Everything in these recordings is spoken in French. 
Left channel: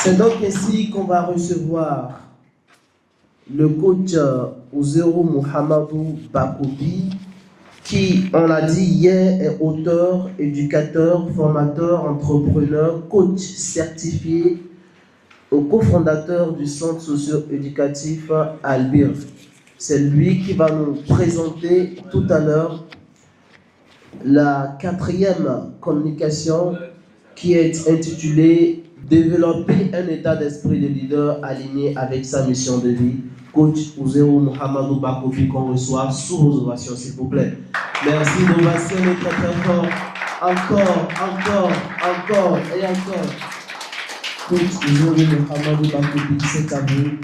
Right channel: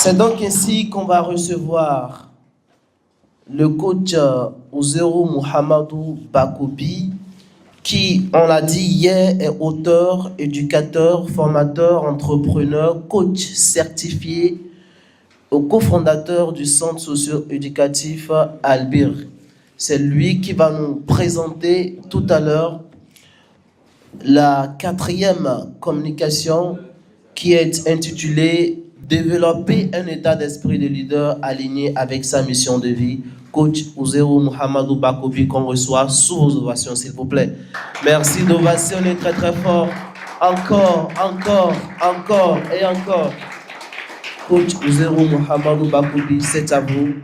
C'est donc ainsi qu'on va recevoir le coach Ouzero Mouhamadou Bakoubi, qui, on l'a dit hier, est auteur, éducateur, formateur, entrepreneur, coach certifié, cofondateur du centre socio-éducatif Albir. C'est lui qui va nous présenter tout à l'heure la 4e communication qui est intitulée « Développer un état d'esprit de leader aligné avec sa mission de vie ». Coach Ouzero Mouhamadou Bakoubi qu'on reçoit sous vos ovations, s'il vous plaît. Merci d'ovationner très très fort. Encore et encore. Coach Ouzero Mouhamadou Bakoubi, c'est à vous.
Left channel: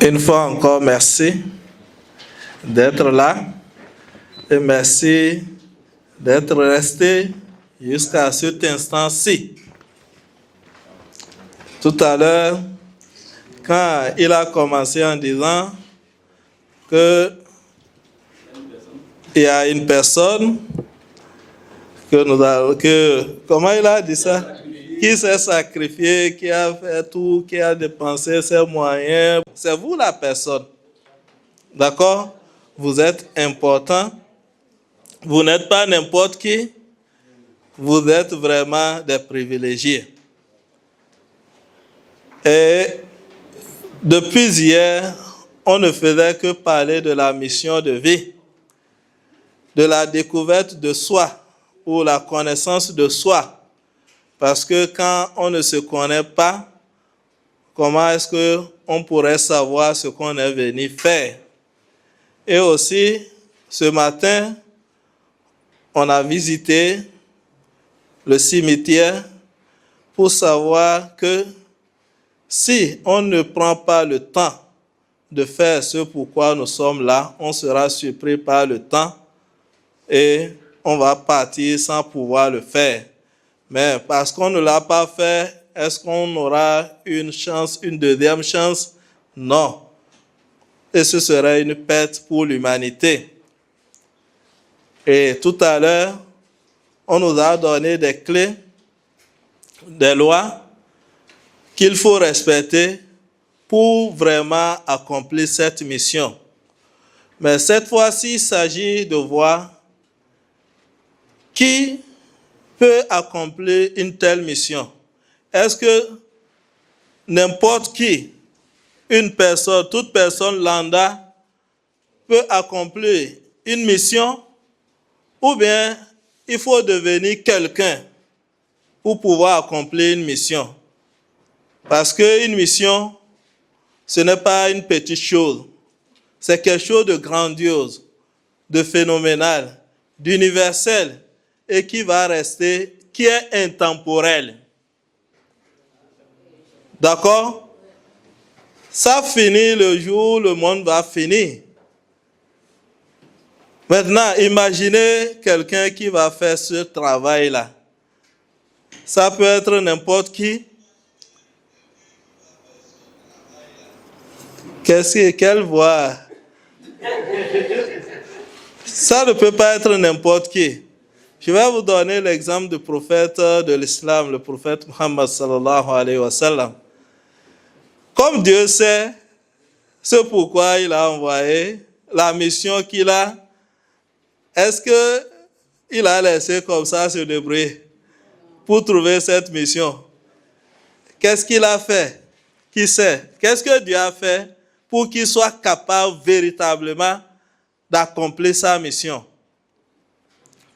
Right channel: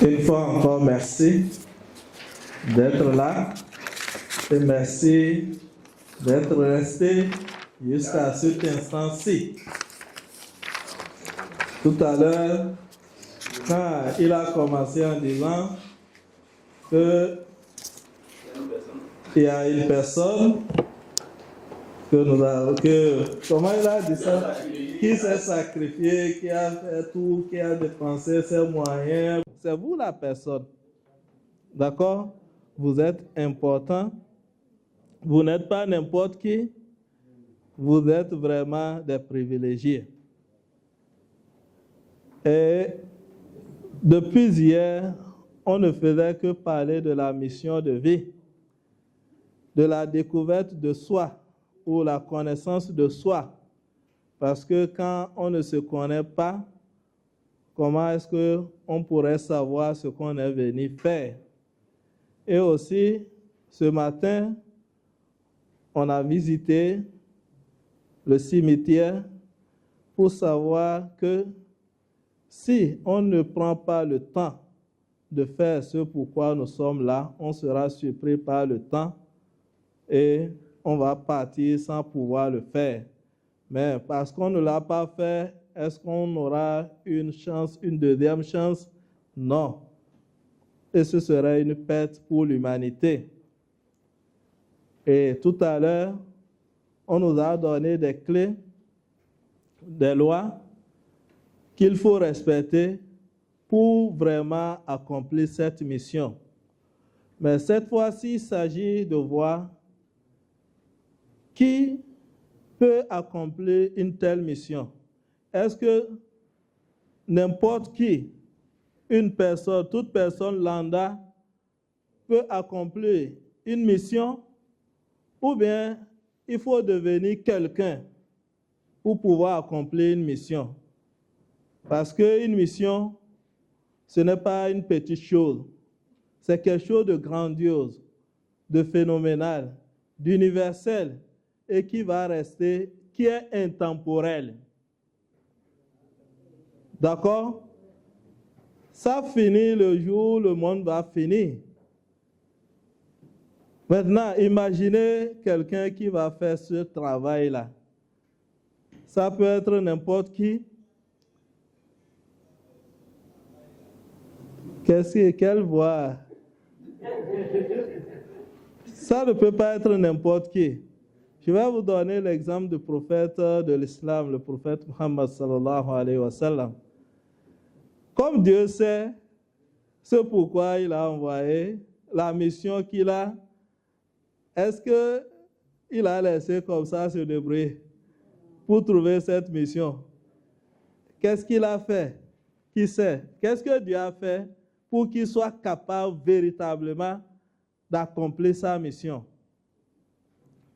Une fois encore, merci d'être là et merci d'être resté jusqu'à cet instant-ci. Tout à l'heure, quand il a commencé en disant qu'il y a une personne comment il a dit ça? Qui s'est sacrifié, qui a fait tout, qui a dépensé ses moyens. C'est vous la personne. D'accord? Vous êtes important. Vous n'êtes pas n'importe qui. Vous êtes vraiment des privilégiés. Et depuis hier, on ne faisait que parler de la mission de vie, de la découverte de soi ou la connaissance de soi. Parce que quand on ne se connaît pas, comment est-ce qu'on pourrait savoir ce qu'on est venu faire? Et aussi, ce matin, on a visité le cimetière pour savoir que si on ne prend pas le temps de faire ce pourquoi nous sommes là, on sera surpris par le temps et on va partir sans pouvoir le faire. Mais parce qu'on ne l'a pas fait, est-ce qu'on aura une chance, une deuxième chance? Non. Et ce serait une perte pour l'humanité. Et tout à l'heure, on nous a donné des clés, des lois qu'il faut respecter pour vraiment accomplir cette mission. Mais cette fois-ci, il s'agit de voir qui peut accomplir une telle mission. Est-ce que n'importe qui, une personne, toute personne lambda, peut accomplir une mission, ou bien il faut devenir quelqu'un pour pouvoir accomplir une mission? Parce qu'une mission, ce n'est pas une petite chose. C'est quelque chose de grandiose, de phénoménal, d'universel et qui va rester, qui est intemporel. D'accord? Ça finit le jour où le monde va finir. Maintenant, imaginez quelqu'un qui va faire ce travail-là. Ça peut être n'importe qui. Quelle voix? Ça ne peut pas être n'importe qui. Je vais vous donner l'exemple du prophète de l'islam, le prophète Muhammad sallallahu alayhi wa sallam. Comme Dieu sait ce pourquoi il a envoyé, la mission qu'il a, est-ce qu'il a laissé comme ça se débrouiller pour trouver cette mission? Qu'est-ce qu'il a fait? Qui sait? Qu'est-ce que Dieu a fait pour qu'il soit capable véritablement d'accomplir sa mission?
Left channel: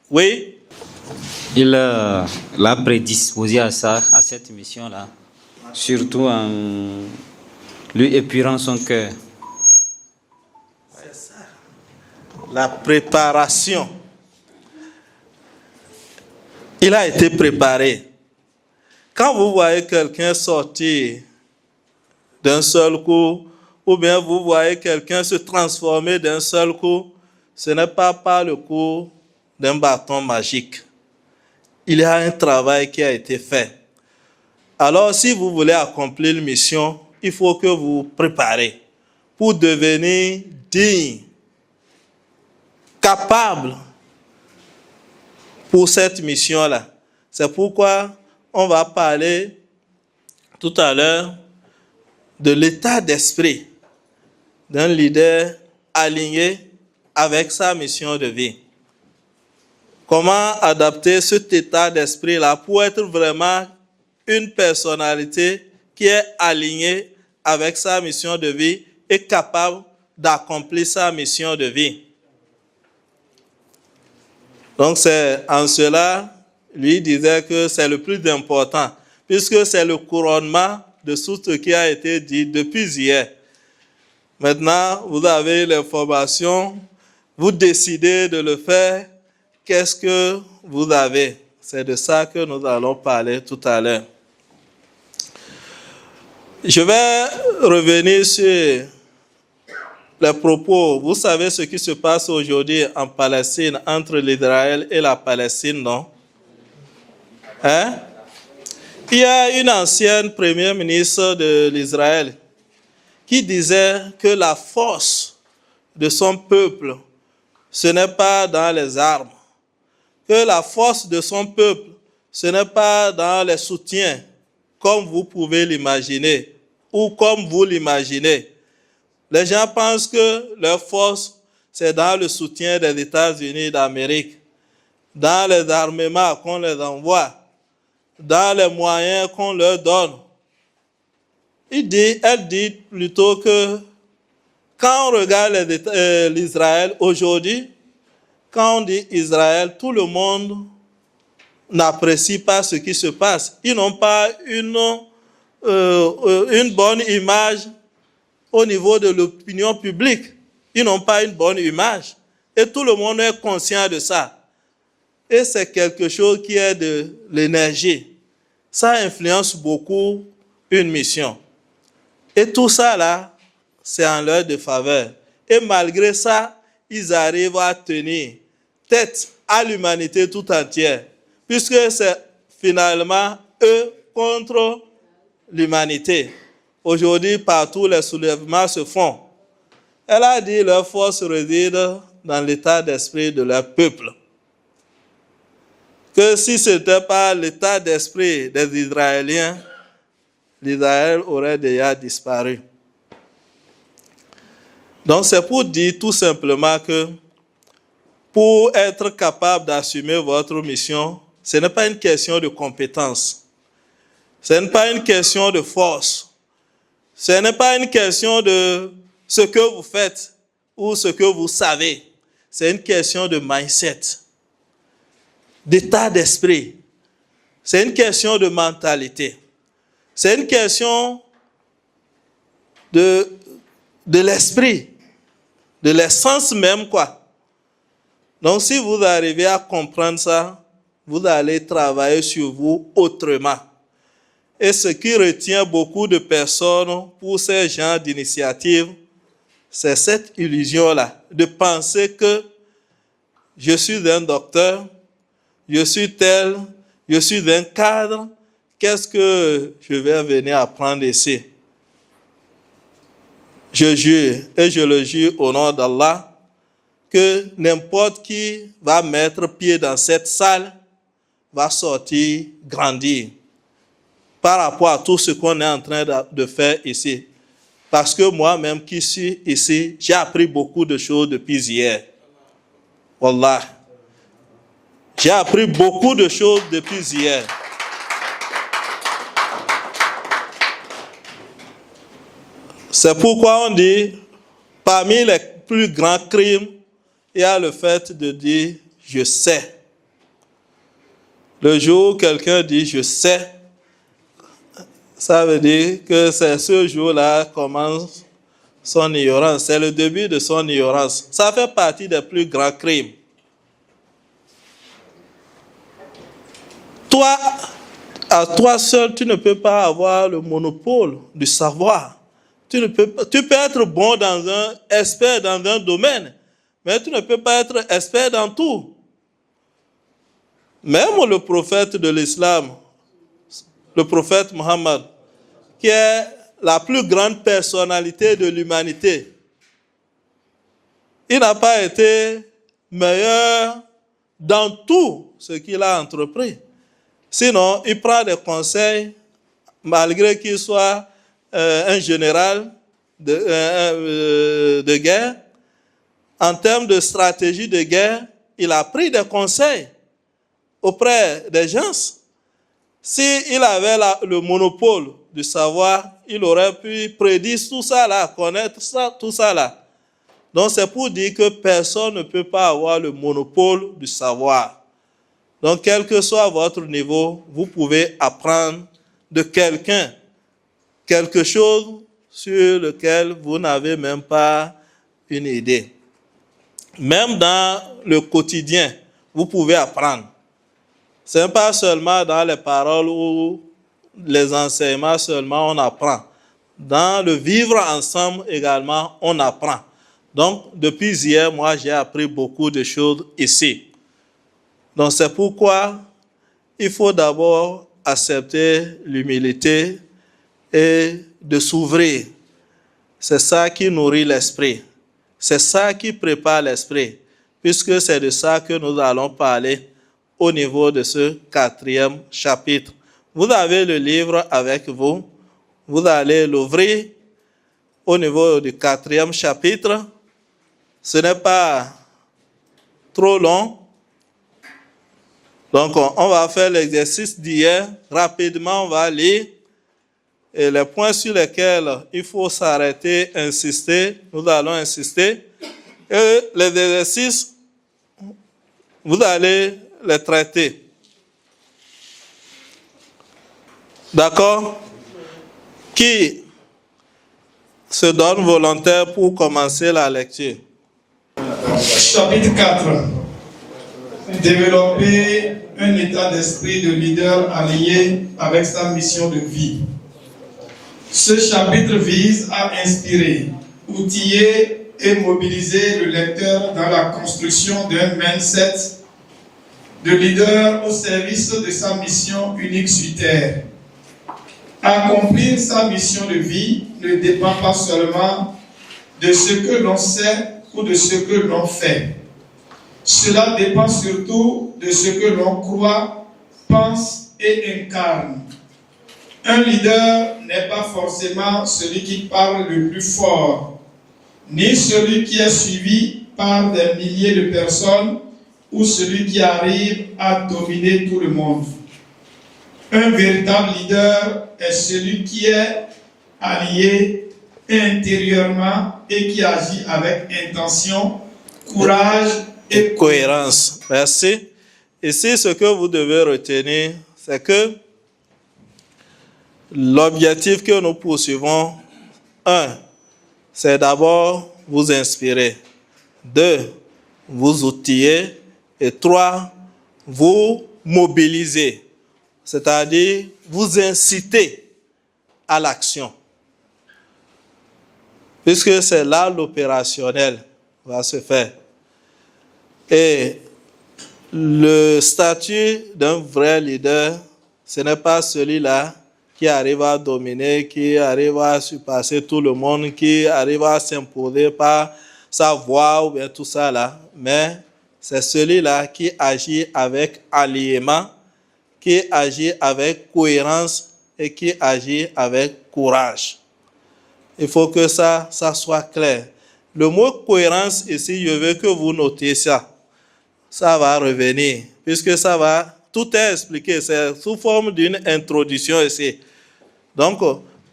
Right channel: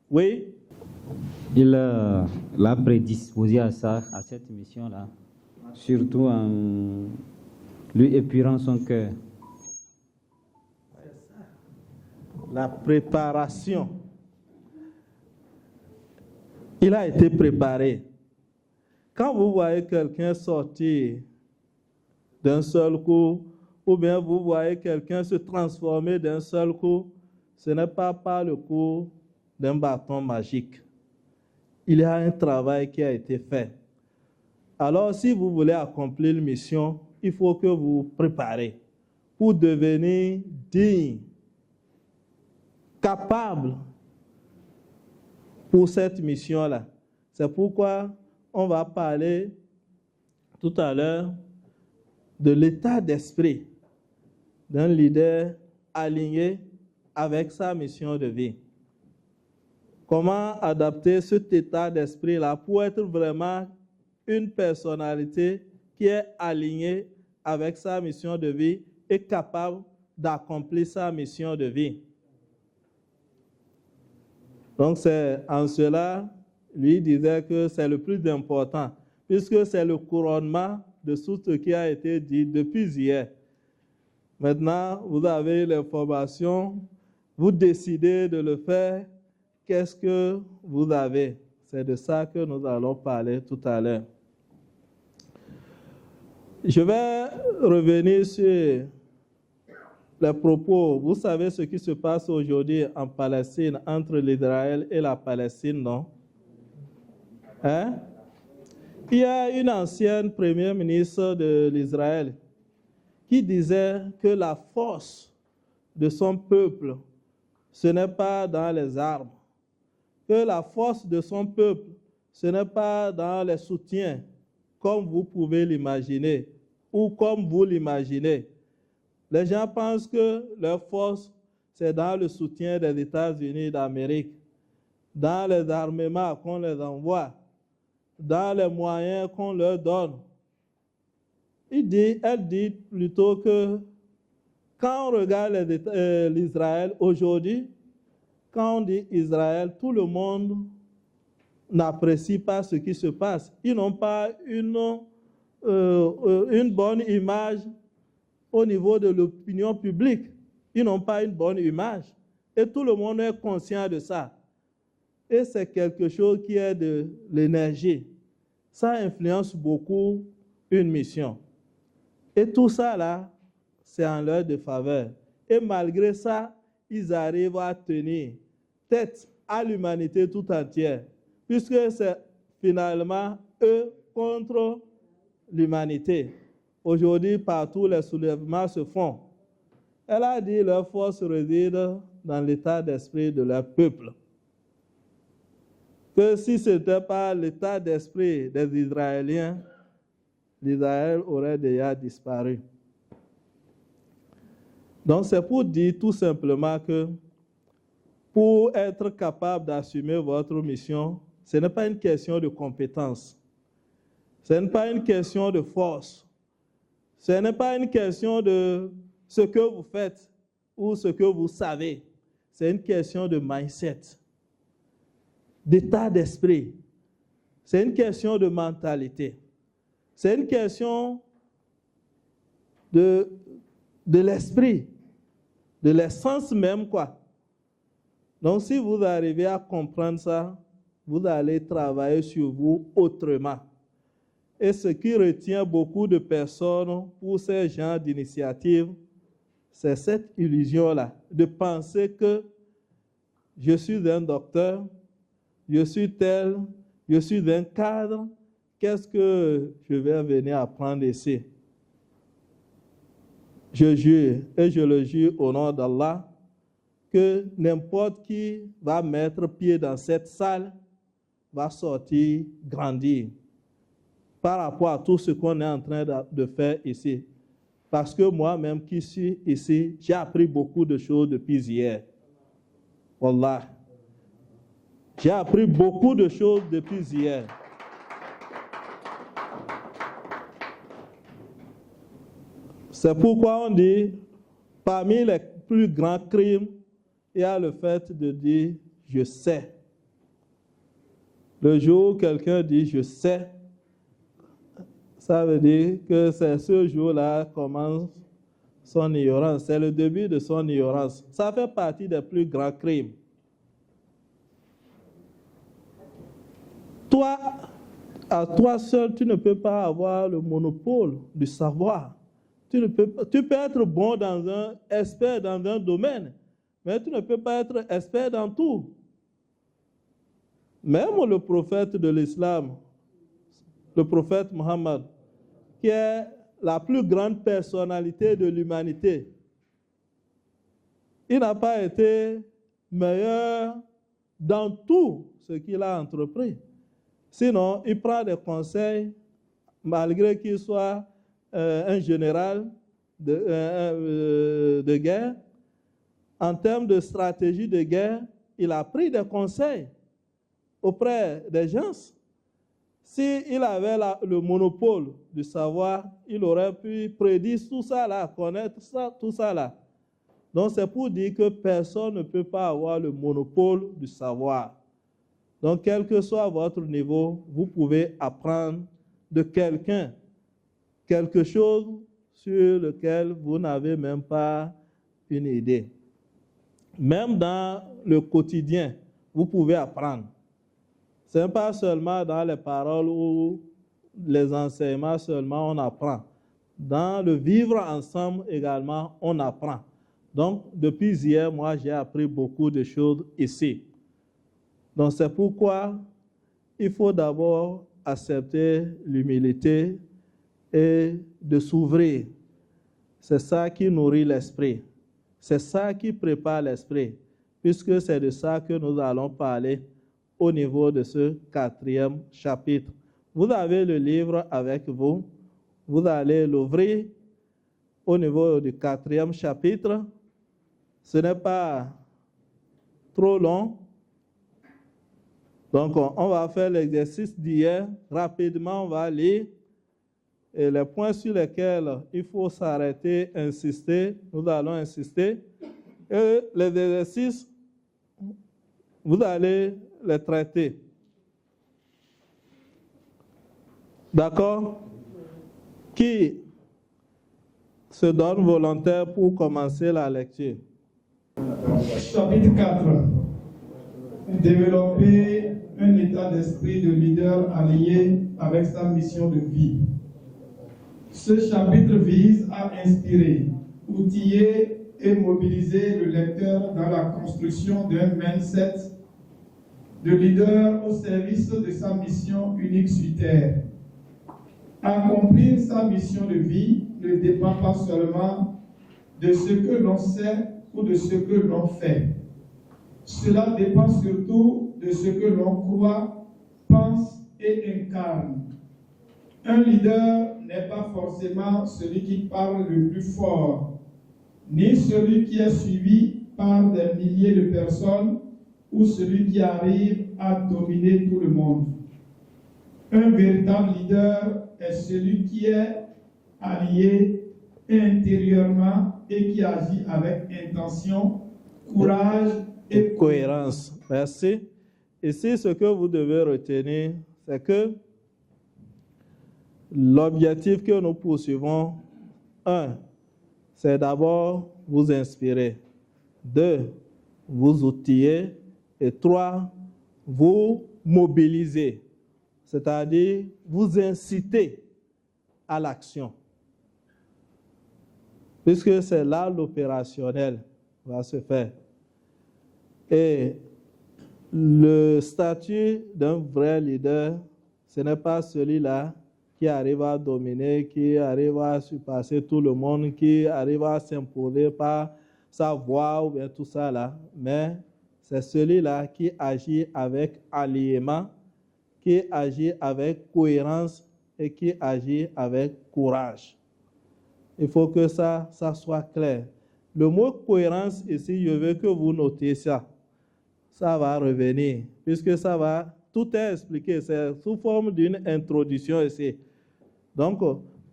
Oui? Il l'a prédisposé à ça, à cette mission-là, surtout en lui épurant son cœur. C'est ça. La préparation. Il a été préparé. Quand vous voyez quelqu'un sortir d'un seul coup, ou bien vous voyez quelqu'un se transformer d'un seul coup, ce n'est pas par le coup d'un bâton magique. Il y a un travail qui a été fait. Alors, si vous voulez accomplir une mission, il faut que vous vous préparez pour devenir digne, capable pour cette mission-là. C'est pourquoi on va parler tout à l'heure de l'état d'esprit d'un leader aligné avec sa mission de vie. Comment adapter cet état d'esprit-là pour être vraiment une personnalité qui est alignée avec sa mission de vie et capable d'accomplir sa mission de vie. Donc c'est en cela, lui disait que c'est le plus important, puisque c'est le couronnement de tout ce qui a été dit depuis hier. Maintenant, vous avez l'information, vous décidez de le faire, qu'est-ce que vous avez? C'est de ça que nous allons parler tout à l'heure. Je vais revenir sur les propos. Vous savez ce qui se passe aujourd'hui en Palestine, entre l'Israël et la Palestine, non? Hein? Il y a une ancienne première ministre de l'Israël qui disait que la force de son peuple, ce n'est pas dans les armes. Que la force de son peuple, ce n'est pas dans les soutiens, comme vous pouvez l'imaginer, ou comme vous l'imaginez. Les gens pensent que leur force, c'est dans le soutien des États-Unis d'Amérique, dans les armements qu'on les envoie, dans les moyens qu'on leur donne. Elle dit plutôt que quand on regarde l'Israël aujourd'hui, quand on dit Israël, tout le monde n'apprécie pas ce qui se passe. Ils n'ont pas une bonne image au niveau de l'opinion publique. Ils n'ont pas une bonne image. Et tout le monde est conscient de ça. Et c'est quelque chose qui est de l'énergie. Ça influence beaucoup une mission. Et tout ça là, c'est en leur défaveur. Et malgré ça, ils arrivent à tenir tête à l'humanité tout entière, puisque c'est finalement eux contre l'humanité. Aujourd'hui, partout, les soulèvements se font. Elle a dit que leur force réside dans l'état d'esprit de leur peuple. Que si ce n'était pas l'état d'esprit des Israéliens, l'Israël aurait déjà disparu. Donc c'est pour dire tout simplement que pour être capable d'assumer votre mission, ce n'est pas une question de compétence. Ce n'est pas une question de force. Ce n'est pas une question de ce que vous faites ou ce que vous savez. C'est une question de mindset, d'état d'esprit. C'est une question de mentalité. C'est une question de l'esprit, de l'essence même, quoi. Donc, si vous arrivez à comprendre ça, vous allez travailler sur vous autrement. Et ce qui retient beaucoup de personnes pour ces genres d'initiatives, c'est cette illusion-là, de penser que je suis un docteur, je suis tel, je suis un cadre, qu'est-ce que je vais venir apprendre ici? Je jure, et je le jure au nom d'Allah, que n'importe qui va mettre pied dans cette salle va sortir grandir par rapport à tout ce qu'on est en train de faire ici. Parce que moi-même qui suis ici, j'ai appris beaucoup de choses depuis hier. Wallah. J'ai appris beaucoup de choses depuis hier. C'est pourquoi on dit, parmi les plus grands crimes, il y a le fait de dire « je sais ». Le jour où quelqu'un dit « je sais », ça veut dire que c'est ce jour-là commence son ignorance. C'est le début de son ignorance. Ça fait partie des plus grands crimes. Toi, à toi seul, tu ne peux pas avoir le monopole du savoir. Tu peux être bon expert dans un domaine, mais tu ne peux pas être expert dans tout. Même le prophète de l'islam, le prophète Mohammed, qui est la plus grande personnalité de l'humanité, il n'a pas été meilleur dans tout ce qu'il a entrepris. Sinon, il prend des conseils, malgré qu'il soit un général de guerre. En termes de stratégie de guerre, il a pris des conseils auprès des gens. S'il avait le monopole du savoir, il aurait pu prédire tout ça là, connaître ça, tout ça là. Donc c'est pour dire que personne ne peut pas avoir le monopole du savoir. Donc quel que soit votre niveau, vous pouvez apprendre de quelqu'un quelque chose sur lequel vous n'avez même pas une idée. Même dans le quotidien, vous pouvez apprendre. Ce n'est pas seulement dans les paroles ou les enseignements seulement on apprend. Dans le vivre ensemble également, on apprend. Donc, depuis hier, moi, j'ai appris beaucoup de choses ici. Donc, c'est pourquoi il faut d'abord accepter l'humilité et de s'ouvrir. C'est ça qui nourrit l'esprit. C'est ça qui prépare l'esprit, puisque c'est de ça que nous allons parler au niveau de ce 4e chapitre. Vous avez le livre avec vous. Vous allez l'ouvrir au niveau du 4e chapitre. Ce n'est pas trop long. Donc, on va faire l'exercice d'hier. Rapidement, on va lire. Et les points sur lesquels il faut s'arrêter, insister, nous allons insister. Et les exercices, vous allez les traiter. D'accord? Qui se donne volontaire pour commencer la lecture? Chapitre 4. Développer un état d'esprit de leader allié avec sa mission de vie. Ce chapitre vise à inspirer, outiller et mobiliser le lecteur dans la construction d'un mindset de leader au service de sa mission unique sur terre. Accomplir sa mission de vie ne dépend pas seulement de ce que l'on sait ou de ce que l'on fait. Cela dépend surtout de ce que l'on croit, pense et incarne. Un leader n'est pas forcément celui qui parle le plus fort, ni celui qui est suivi par des milliers de personnes ou celui qui arrive à dominer tout le monde. Un véritable leader est celui qui est allié intérieurement et qui agit avec intention, courage et cohérence. Merci. Ici, ce que vous devez retenir, c'est que l'objectif que nous poursuivons, 1, c'est d'abord vous inspirer. 2, vous outiller. Et 3, vous mobiliser. C'est-à-dire vous inciter à l'action. Puisque c'est là l'opérationnel va se faire. Et le statut d'un vrai leader, ce n'est pas celui-là qui arrive à dominer, qui arrive à surpasser tout le monde, qui arrive à s'imposer par sa voix ou bien tout ça là. Mais c'est celui-là qui agit avec alliement, qui agit avec cohérence et qui agit avec courage. Il faut que ça soit clair. Le mot cohérence ici, je veux que vous notiez ça. Ça va revenir, puisque ça va, tout est expliqué, c'est sous forme d'une introduction ici. Donc,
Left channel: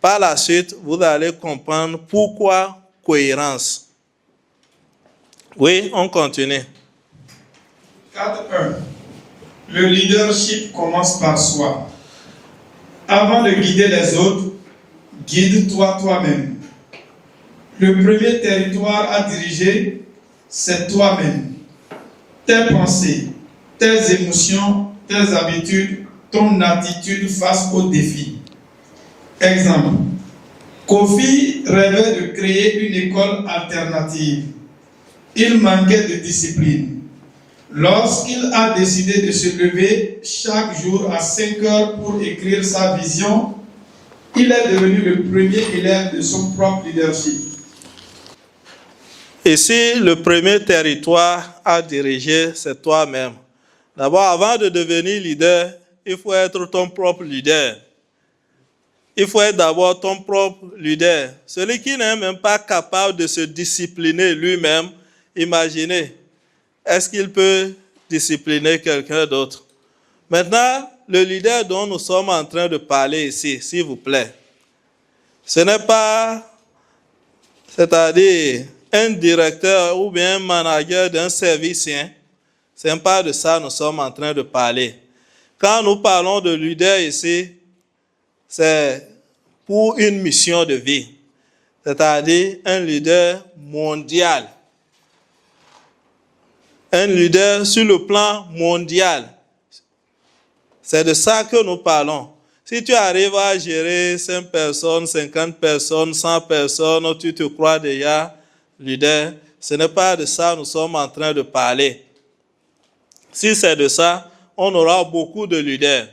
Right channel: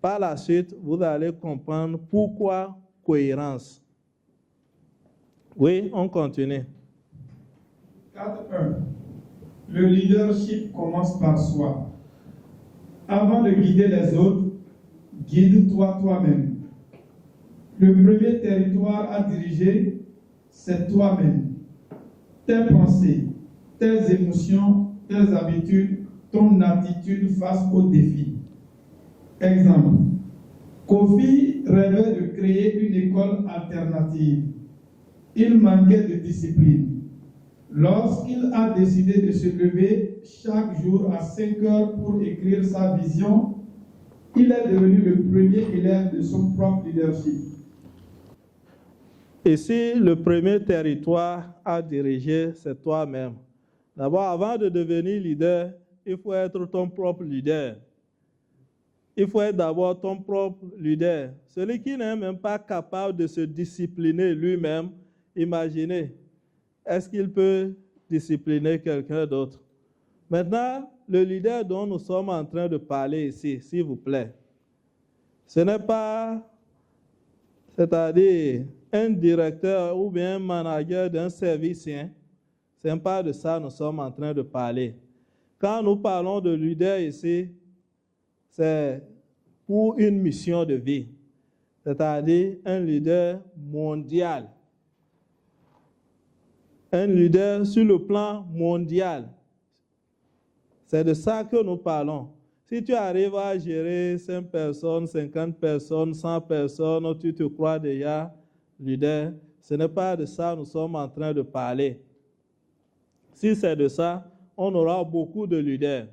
par la suite, vous allez comprendre pourquoi cohérence. Oui, on continue. 4.1. Le leadership commence par soi. Avant de guider les autres, guide-toi toi-même. Le premier territoire à diriger, c'est toi-même. Tes pensées, tes émotions, tes habitudes, ton attitude face aux défis. Exemple. Kofi rêvait de créer une école alternative. Il manquait de discipline. Lorsqu'il a décidé de se lever chaque jour à 5 heures pour écrire sa vision, il est devenu le premier élève de son propre leadership. Ici, le premier territoire à diriger, c'est toi-même. D'abord, avant de devenir leader, il faut être ton propre leader. Il faut être d'abord ton propre leader. Celui qui n'est même pas capable de se discipliner lui-même, imaginez, est-ce qu'il peut discipliner quelqu'un d'autre? Maintenant, le leader dont nous sommes en train de parler ici, s'il vous plaît, ce n'est pas, c'est-à-dire un directeur ou bien un manager d'un service, hein. Ce n'est pas de ça que nous sommes en train de parler. Quand nous parlons de leader ici, c'est pour une mission de vie, c'est-à-dire un leader mondial. Un leader sur le plan mondial. C'est de ça que nous parlons. Si tu arrives à gérer 5 personnes, 50 personnes, 100 personnes, tu te crois déjà leader, ce n'est pas de ça que nous sommes en train de parler. Si c'est de ça, on aura beaucoup de leaders.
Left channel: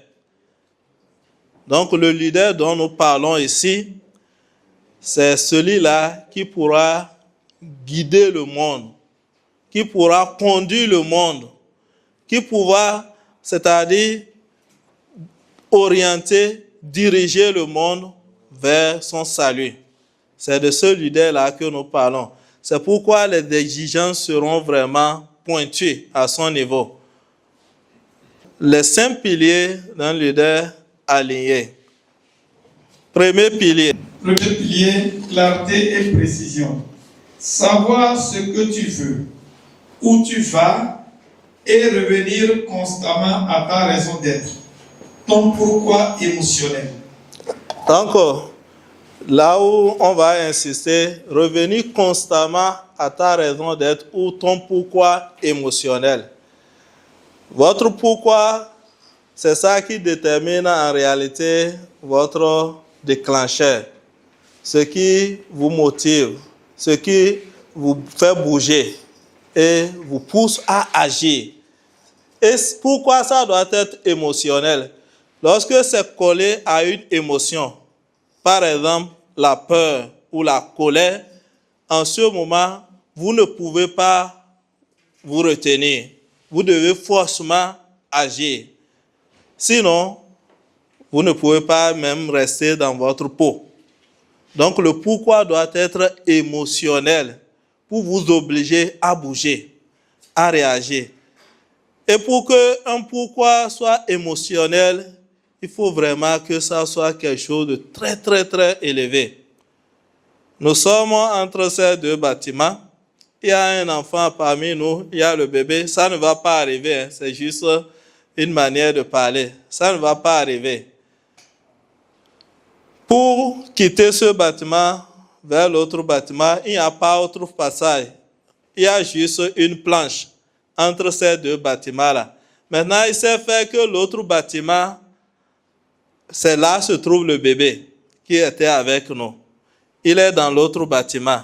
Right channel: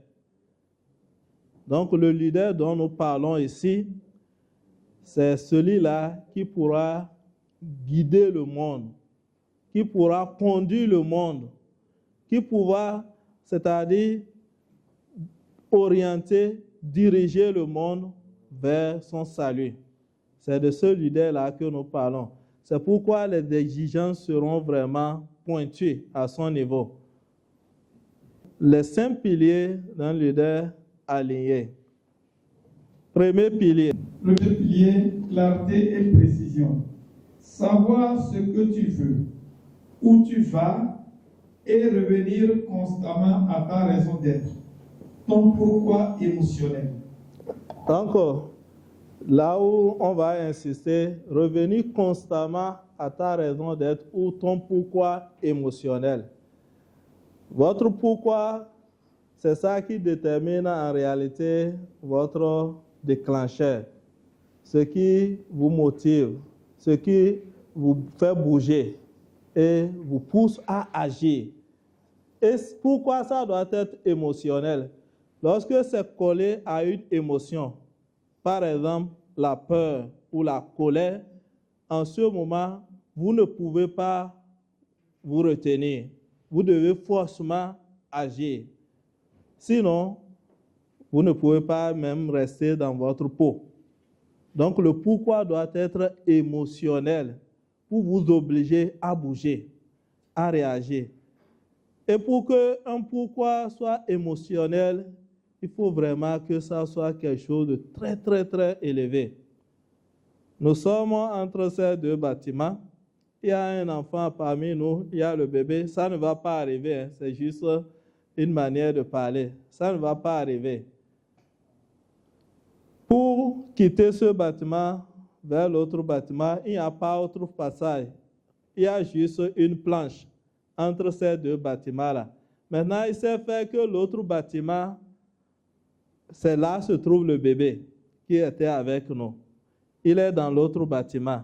Donc le leader dont nous parlons ici, c'est celui-là qui pourra guider le monde, qui pourra conduire le monde, qui pourra, c'est-à-dire orienter, diriger le monde vers son salut. C'est de ce leader-là que nous parlons. C'est pourquoi les exigences seront vraiment pointues à son niveau. Les 5 piliers d'un leader aligné. Premier pilier. Premier pilier, clarté et précision. Savoir ce que tu veux, où tu vas et revenir constamment à ta raison d'être. Ton pourquoi émotionnel. Donc, là où on va insister, revenir constamment à ta raison d'être ou ton pourquoi émotionnel. Votre pourquoi, c'est ça qui détermine en réalité votre déclencheur, ce qui vous motive, ce qui vous fait bouger et vous pousse à agir. Et pourquoi ça doit être émotionnel? Lorsque c'est collé à une émotion, par exemple la peur ou la colère, en ce moment, vous ne pouvez pas vous retenir. Vous devez forcément agir. Sinon, vous ne pouvez pas même rester dans votre peau. Donc le pourquoi doit être émotionnel pour vous obliger à bouger, à réagir. Et pour qu'un pourquoi soit émotionnel, il faut vraiment que ça soit quelque chose de très, très, très élevé. Nous sommes entre ces 2 bâtiments. Il y a un enfant parmi nous, il y a le bébé. Ça ne va pas arriver, hein. C'est juste une manière de parler. Ça ne va pas arriver. Pour quitter ce bâtiment vers l'autre bâtiment, il n'y a pas autre passage. Il y a juste une planche entre ces 2 bâtiments-là. Maintenant, il s'est fait que l'autre bâtiment, c'est là se trouve le bébé qui était avec nous. Il est dans l'autre bâtiment.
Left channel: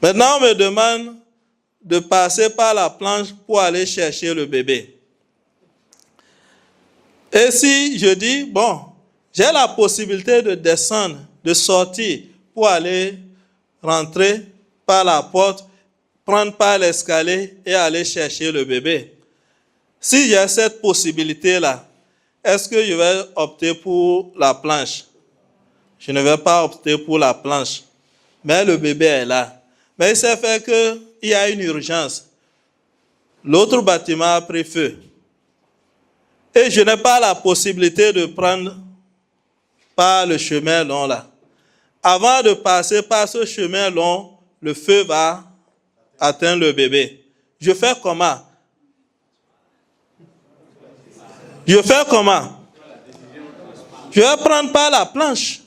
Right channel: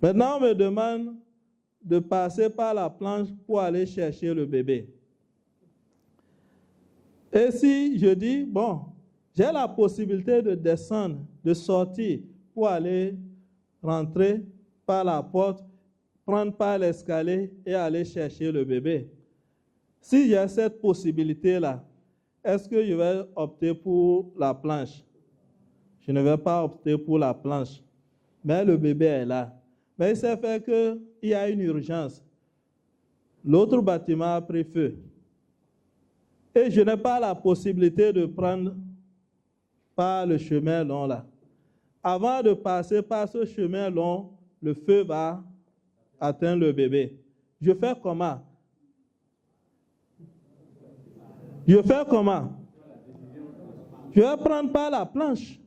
Maintenant, on me demande de passer par la planche pour aller chercher le bébé. Et si je dis, bon, j'ai la possibilité de descendre, de sortir pour aller rentrer par la porte, prendre par l'escalier et aller chercher le bébé. Si j'ai cette possibilité-là, est-ce que je vais opter pour la planche? Je ne vais pas opter pour la planche. Mais le bébé est là. Mais il s'est fait qu'il y a une urgence. L'autre bâtiment a pris feu. Et je n'ai pas la possibilité de prendre par le chemin long là. Avant de passer par ce chemin long, le feu va atteindre le bébé. Je fais comment? Je fais comment? Je vais prendre par la planche.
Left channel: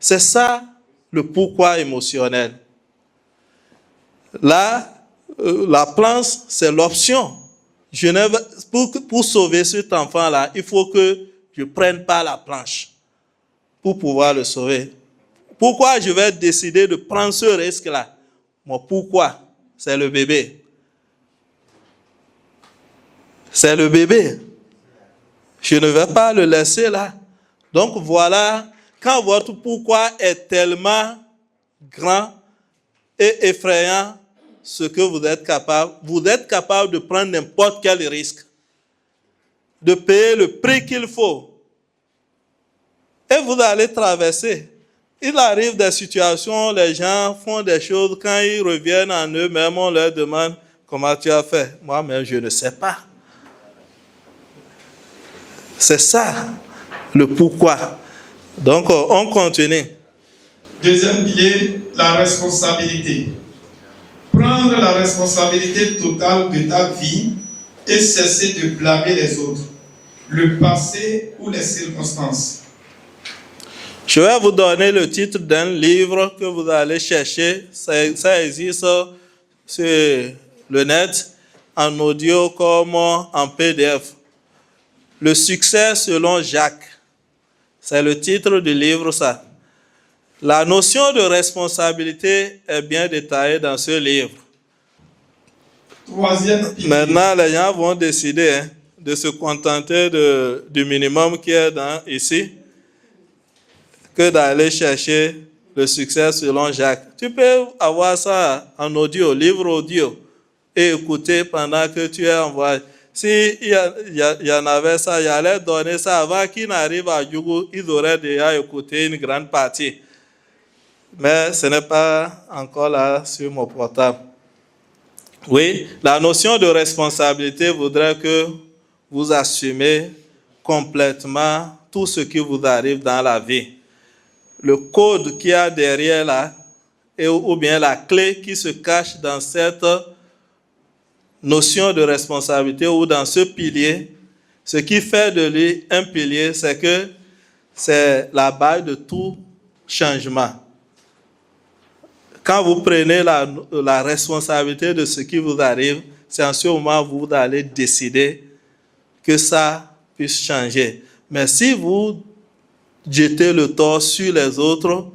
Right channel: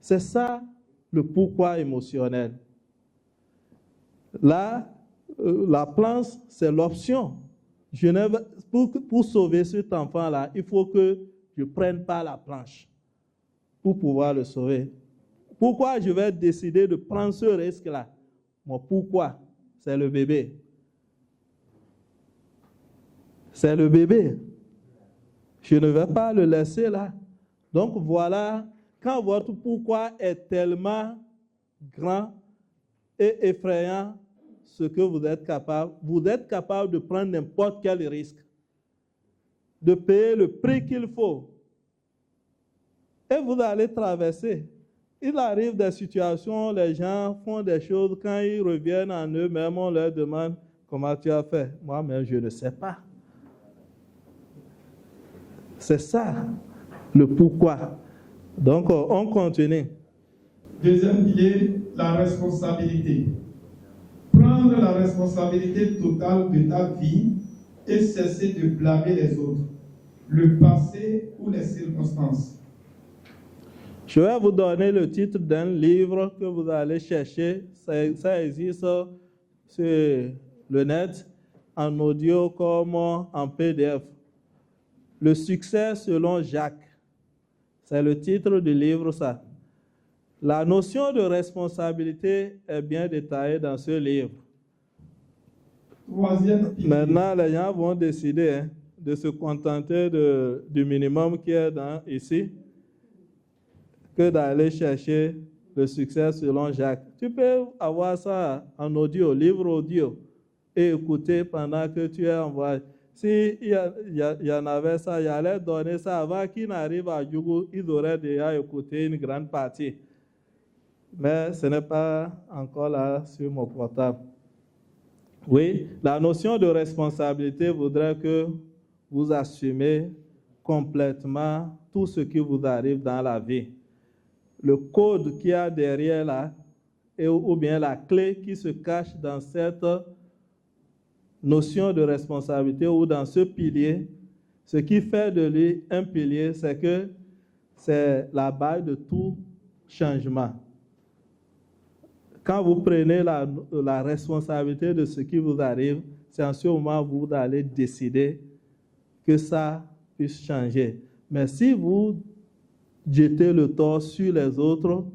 C'est ça le pourquoi émotionnel. Là, la planche, c'est l'option. Pour sauver cet enfant-là, il faut que je prenne par la planche pour pouvoir le sauver. Pourquoi je vais décider de prendre ce risque-là? Mon pourquoi? C'est le bébé. C'est le bébé. Je ne vais pas le laisser là. Donc voilà, quand votre pourquoi est tellement grand et effrayant, ce que vous êtes capable de prendre n'importe quel risque. de payer le prix qu'il faut. Et vous allez traverser. Il arrive des situations, les gens font des choses, quand ils reviennent en eux-mêmes, on leur demande comment tu as fait. Moi-même, je ne sais pas. C'est ça le pourquoi. Donc, on continue. Deuxième pilier, la responsabilité. Prendre la responsabilité totale de ta vie et cesser de blâmer les autres, le passé ou les circonstances. Je vais vous donner le titre d'un livre que vous allez chercher. Ça existe sur le net, en audio comme en PDF. Le succès selon Jacques. C'est le titre du livre, ça. La notion de responsabilité est bien détaillée dans ce livre. Troisième pilier. Maintenant, les gens vont décider de se contenter du minimum qui est ici, que d'aller chercher le succès selon Jacques. Tu peux avoir ça en audio, livre audio, et écouter pendant que tu es en voyage. S'il y en avait ça, il allait donner ça avant qu'ils n'arrivent à Djougou, ils auraient déjà écouté une grande partie. Mais ce n'est pas encore là sur mon portable. Oui, la notion de responsabilité voudrait que vous assumez complètement tout ce qui vous arrive dans la vie. Le code qu'il y a derrière là, ou bien la clé qui se cache dans cette notion de responsabilité ou dans ce pilier, ce qui fait de lui un pilier, c'est que c'est la base de tout changement. Quand vous prenez la responsabilité de ce qui vous arrive, c'est en ce moment que vous allez décider que ça puisse changer. Mais si vous jetez le tort sur les autres,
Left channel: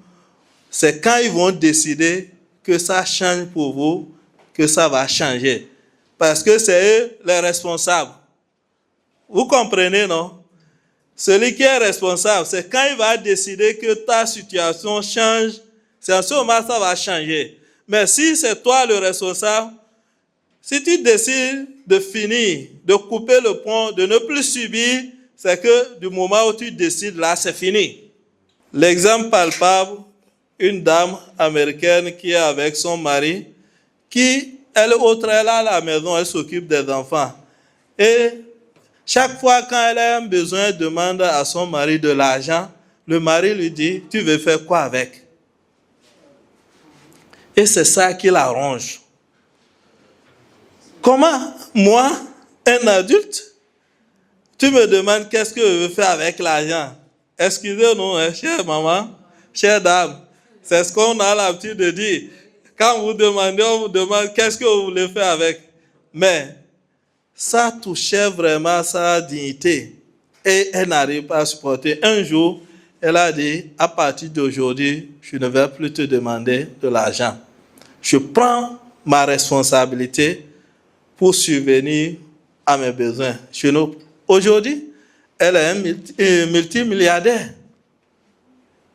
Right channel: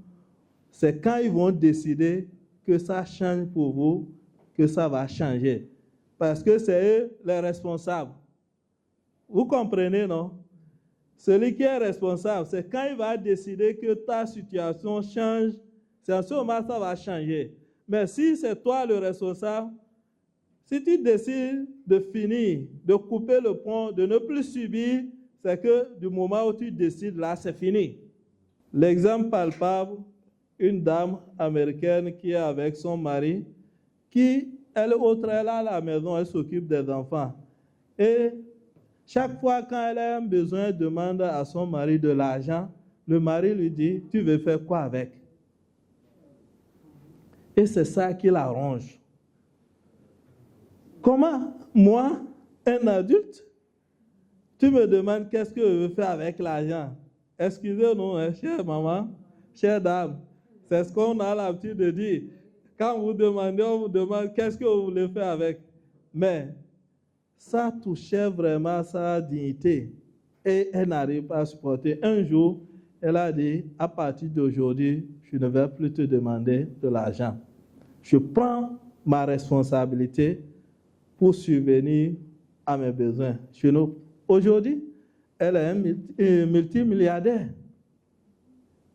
c'est quand ils vont décider que ça change pour vous, que ça va changer. Parce que c'est eux les responsables. Vous comprenez, non? Celui qui est responsable, c'est quand il va décider que ta situation change, c'est en ce moment que ça va changer. Mais si c'est toi le responsable, si tu décides de finir, de couper le pont, de ne plus subir, c'est que du moment où tu décides, là, c'est fini. L'exemple palpable, une dame américaine qui est avec son mari, qui, elle est à la maison, elle s'occupe des enfants. Et chaque fois quand elle a un besoin, elle demande à son mari de l'argent. Le mari lui dit, tu veux faire quoi avec? Et c'est ça qui l'arrange. Comment, moi, un adulte, tu me demandes qu'est-ce que je veux faire avec l'argent? Excusez-nous, chère maman, chère dame, c'est ce qu'on a l'habitude de dire. Quand vous demandez, on vous demande qu'est-ce que vous voulez faire avec. Mais ça touchait vraiment sa dignité. Et elle n'arrive pas à supporter. Un jour, elle a dit, à partir d'aujourd'hui, je ne vais plus te demander de l'argent. Je prends ma responsabilité pour subvenir à mes besoins. Aujourd'hui, elle est multimilliardaire.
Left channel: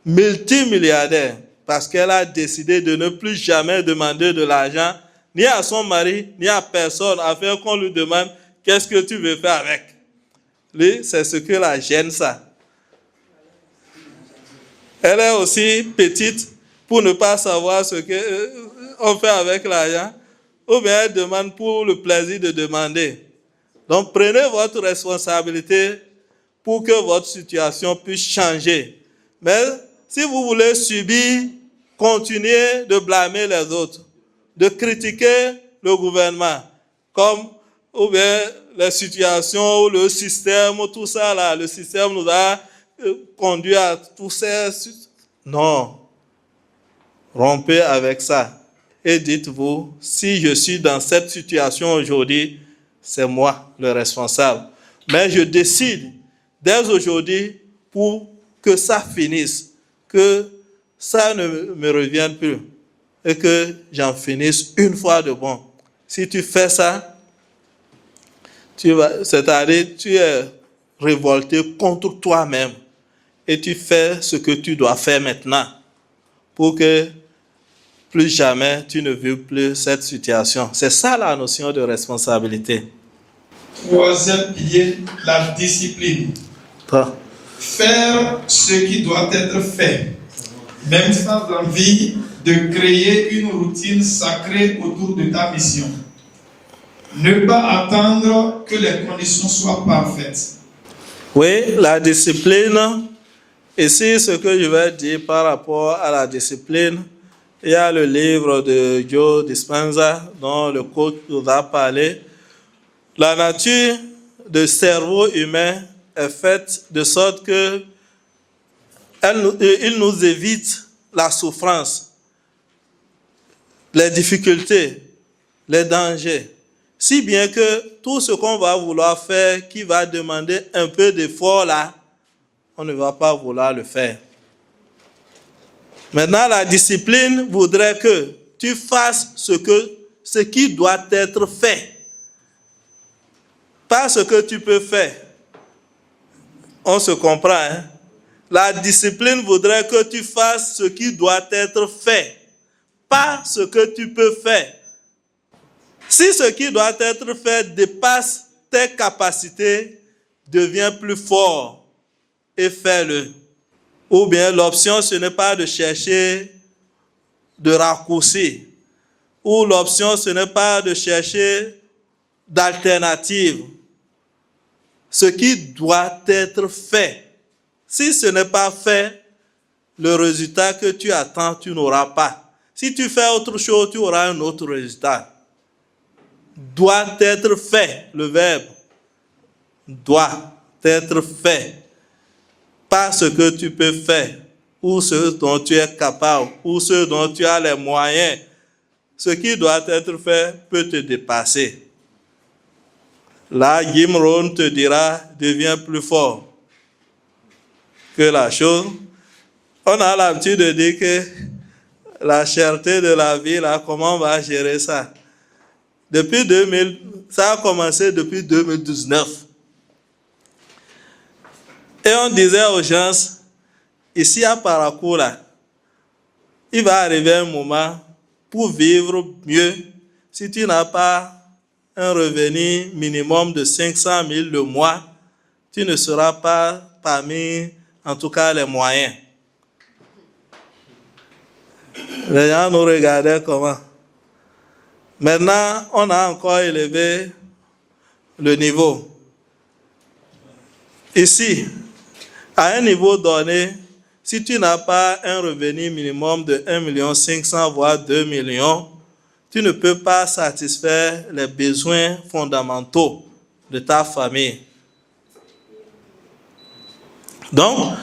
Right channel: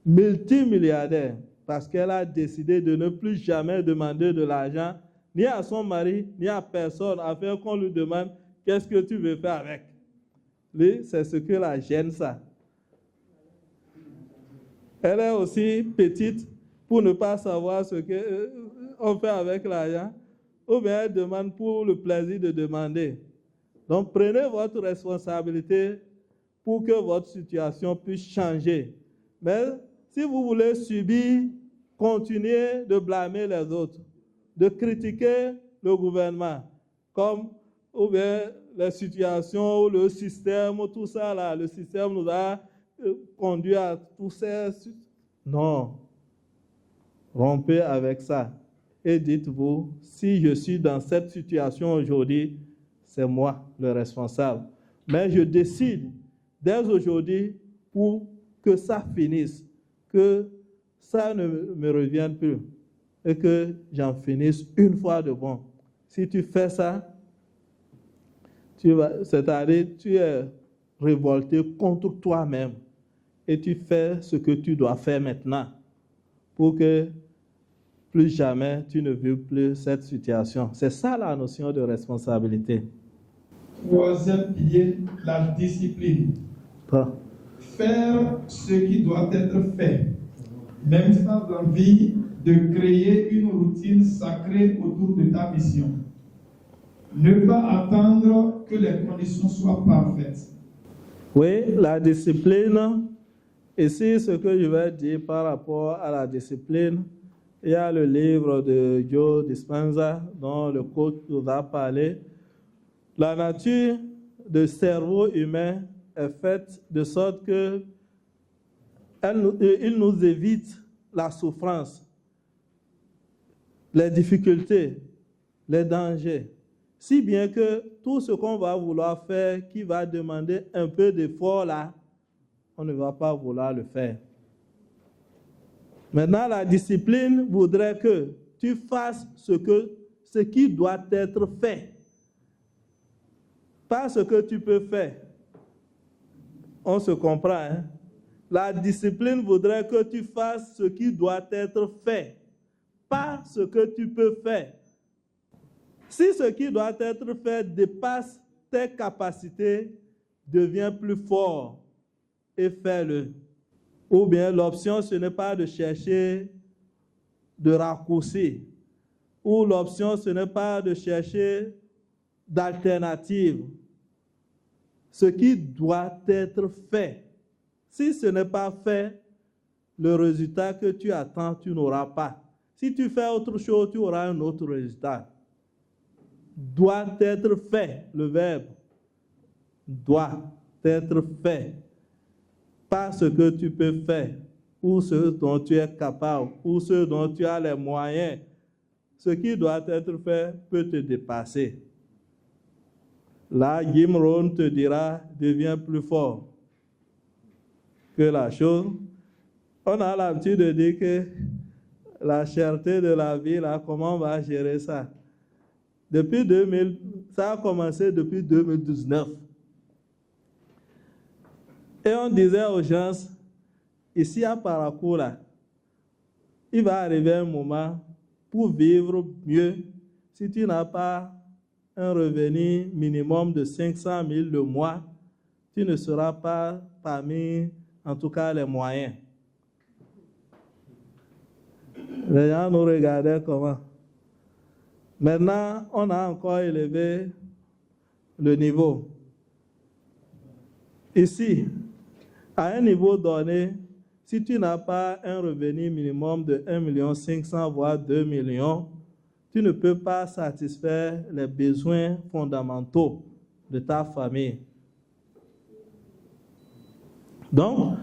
Multimilliardaire. Parce qu'elle a décidé de ne plus jamais demander de l'argent, ni à son mari, ni à personne, afin qu'on lui demande qu'est-ce que tu veux faire avec. Lui, c'est ce que la gêne, ça. Elle est aussi petite pour ne pas savoir ce qu'on fait avec l'argent, ou bien elle demande pour le plaisir de demander. Donc, prenez votre responsabilité pour que votre situation puisse changer. Mais si vous voulez subir, continuez de blâmer les autres, de critiquer le gouvernement, comme ou bien les situations ou le système, tout ça là, le système nous a conduit à tout ça. Non. Rompez avec ça. Et dites-vous, si je suis dans cette situation aujourd'hui, c'est moi le responsable. Mais je décide dès aujourd'hui pour que ça finisse, que ça ne me revienne plus et que j'en finisse une fois de bon. Si tu fais ça, c'est-à-dire tu es révolté contre toi-même et tu fais ce que tu dois faire maintenant pour que plus jamais tu ne vives plus cette situation. C'est ça la notion de responsabilité. Troisième pilier, la discipline. Pas. Faire ce qui doit être fait, même sans envie de créer une routine sacrée autour de ta mission. Ne pas attendre que les conditions soient parfaites. Oui, la discipline. Ici, ce que je vais dire par rapport à la discipline, il y a le livre de Joe Dispenza dont le coach nous a parlé. La nature du cerveau humain est faite de sorte que il nous évite la souffrance, les difficultés, les dangers. Si bien que tout ce qu'on va vouloir faire, qui va demander un peu d'effort là, on ne va pas vouloir le faire. Maintenant, la discipline voudrait que tu fasses ce qui doit être fait. Pas ce que tu peux faire. On se comprend, hein? La discipline voudrait que tu fasses ce qui doit être fait. Pas ce que tu peux faire. Si ce qui doit être fait dépasse tes capacités, deviens plus fort et fais-le. Ou bien l'option, ce n'est pas de chercher de raccourcis. Ou l'option, ce n'est pas de chercher d'alternative. Ce qui doit être fait. Si ce n'est pas fait, le résultat que tu attends, tu n'auras pas. Si tu fais autre chose, tu auras un autre résultat. Doit être fait, le verbe. Doit être fait. Pas ce que tu peux faire, ou ce dont tu es capable, ou ce dont tu as les moyens. Ce qui doit être fait peut te dépasser. Là, Jim Rohn te dira, deviens plus fort que la chose. On a l'habitude de dire que la cherté de la vie, là, comment on va gérer ça? Depuis 2000, ça a commencé depuis 2019. Et on disait aux gens, ici à Paracoura, il va arriver un moment pour vivre mieux. Si tu n'as pas un revenu minimum de 500 000 le mois, tu ne seras pas parmi, en tout cas, les moyens. Les gens nous regardaient comment. Maintenant, on a encore élevé le niveau. Ici, à un niveau donné, si tu n'as pas un revenu minimum de 1 500 000 voire 2 millions, tu ne peux pas satisfaire les besoins fondamentaux de ta famille. Donc,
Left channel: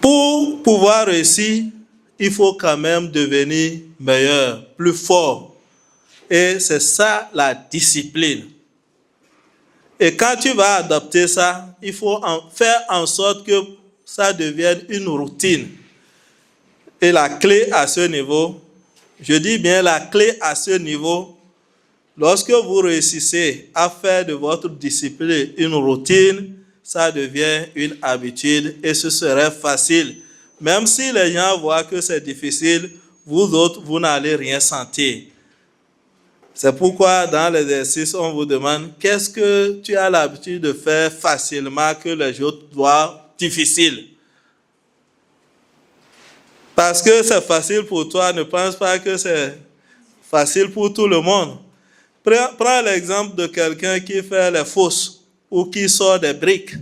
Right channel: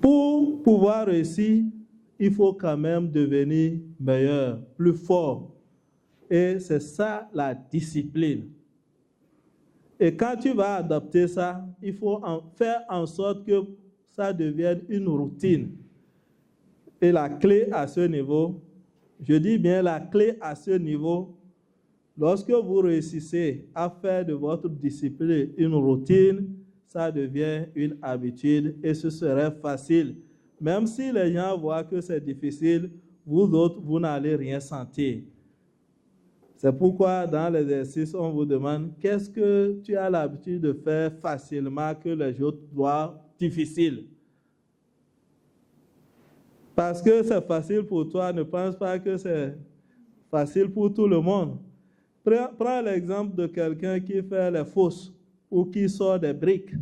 pour pouvoir réussir, il faut quand même devenir meilleur, plus fort. Et c'est ça la discipline. Et quand tu vas adopter ça, il faut faire en sorte que ça devienne une routine. Et la clé à ce niveau, je dis bien la clé à ce niveau, lorsque vous réussissez à faire de votre discipline une routine, ça devient une habitude et ce serait facile. Même si les gens voient que c'est difficile, vous autres, vous n'allez rien sentir. C'est pourquoi dans l'exercice, on vous demande qu'est-ce que tu as l'habitude de faire facilement que les autres voient difficile. Parce que c'est facile pour toi, ne pense pas que c'est facile pour tout le monde. Prends l'exemple de quelqu'un qui fait les fosses ou qui sort des briques.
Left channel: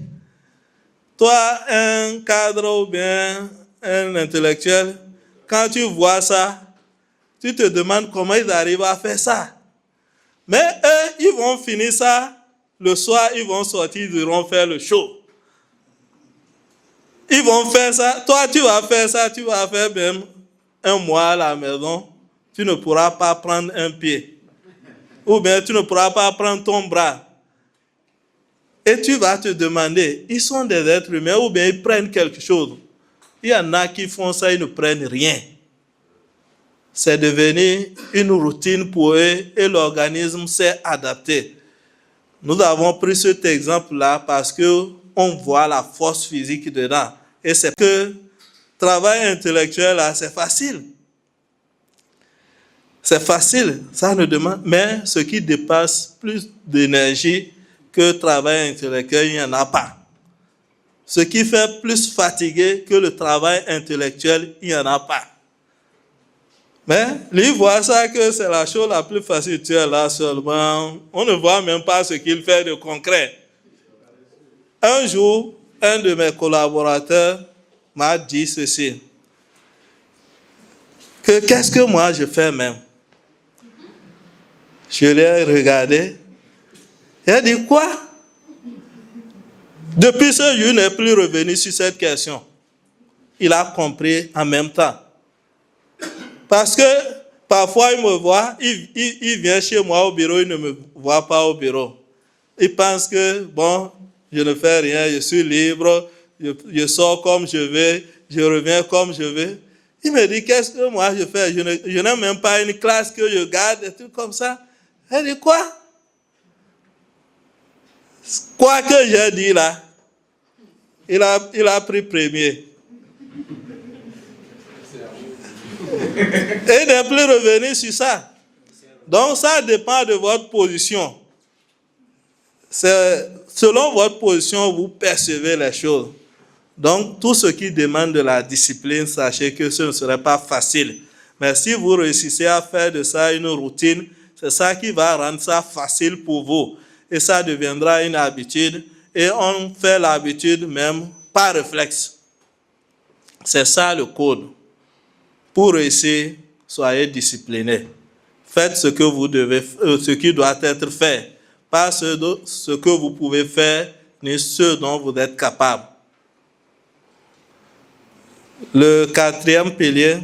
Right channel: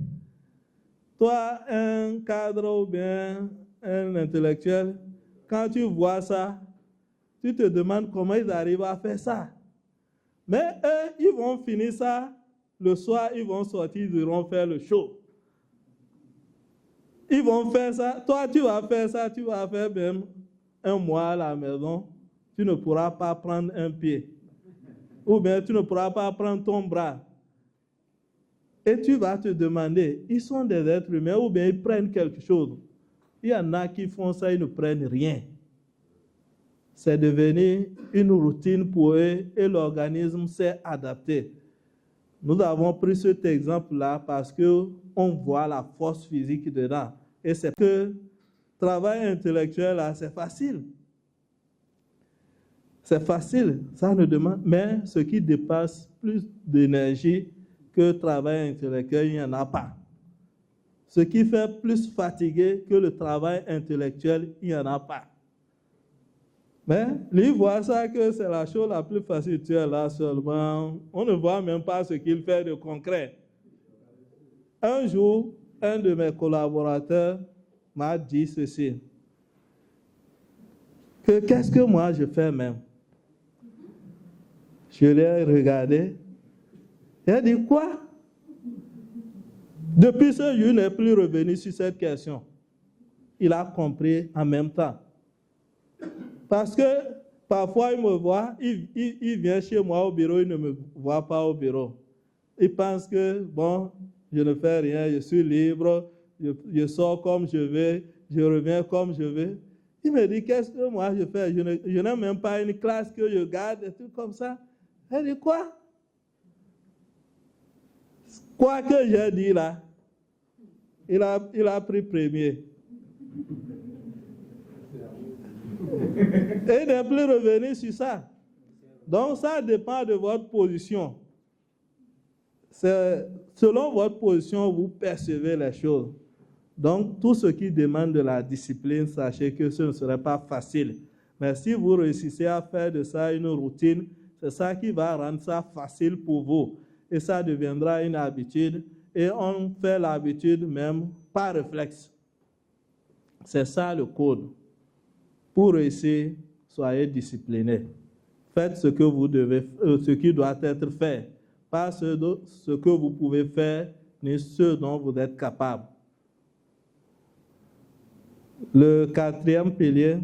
Toi, un cadre ou bien un intellectuel, quand tu vois ça, tu te demandes comment ils arrivent à faire ça. Mais eux, ils vont finir ça, le soir, ils vont sortir, ils iront faire le show. Ils vont faire ça, toi tu vas faire ça, tu vas faire même un mois à la maison, tu ne pourras pas prendre un pied. Ou bien tu ne pourras pas prendre ton bras. Et tu vas te demander, ils sont des êtres humains ou bien ils prennent quelque chose. Il y en a qui font ça, ils ne prennent rien. C'est devenu une routine pour eux et l'organisme s'est adapté. Nous avons pris cet exemple-là parce qu'on voit la force physique dedans. Et c'est que le travail intellectuel, là, c'est facile. C'est facile, ça ne demande, mais ce qui dépasse plus d'énergie que travail intellectuel, il n'y en a pas. Ce qui fait plus fatiguer que le travail intellectuel, il n'y en a pas. Mais lui voit ça que c'est la chose la plus facile. Tu es là seulement. On ne voit même pas ce qu'il fait de concret. Un jour, un de mes collaborateurs m'a dit ceci. Que qu'est-ce que moi je fais même? Je l'ai regardé. Il a dit quoi? Depuis ce jour, il n'est plus revenu sur cette question. Il a compris en même temps. Parce que parfois, il me voit, il vient chez moi au bureau, il ne me voit pas au bureau. Il pense que, bon, je ne fais rien, je suis libre, je sors comme je vais, je reviens comme je vais. Il me dit, qu'est-ce que moi je fais? Je n'ai même pas une classe que je garde, des trucs comme ça. Il dit, quoi? Quoi que j'ai dit là, il a pris premier. Et il n'est plus revenu sur ça. Donc ça dépend de votre position. C'est selon votre position, vous percevez les choses. Donc tout ce qui demande de la discipline, sachez que ce ne serait pas facile. Mais si vous réussissez à faire de ça une routine, c'est ça qui va rendre ça facile pour vous. Et ça deviendra une habitude. Et on fait l'habitude même par réflexe. C'est ça le code. Pour réussir, soyez disciplinés. Faites ce que vous devez, ce qui doit être fait. Pas ce que vous pouvez faire, ni ce dont vous êtes capable. Le quatrième pilier.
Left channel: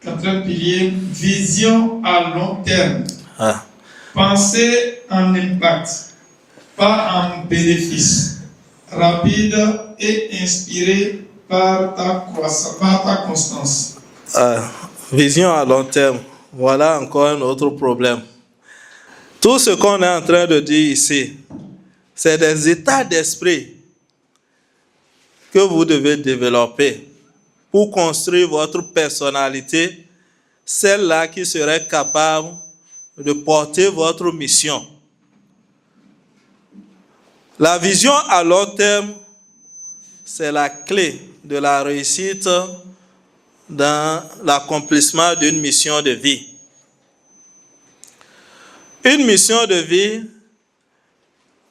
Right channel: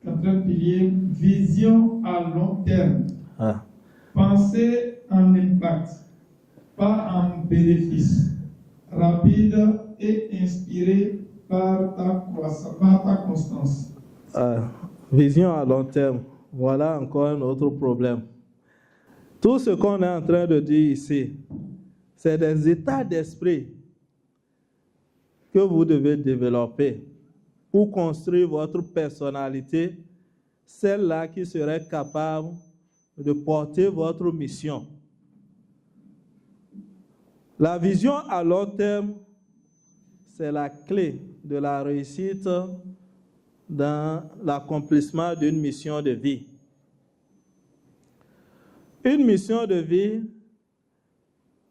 Quatrième pilier, vision à long terme. Pensez en impact, pas en bénéfice. Rapide et inspiré par ta constance. Vision à long terme. Voilà encore un autre problème. Tout ce qu'on est en train de dire ici, c'est des états d'esprit que vous devez développer pour construire votre personnalité, celle-là qui serait capable de porter votre mission. La vision à long terme, c'est la clé de la réussite dans l'accomplissement d'une mission de vie. Une mission de vie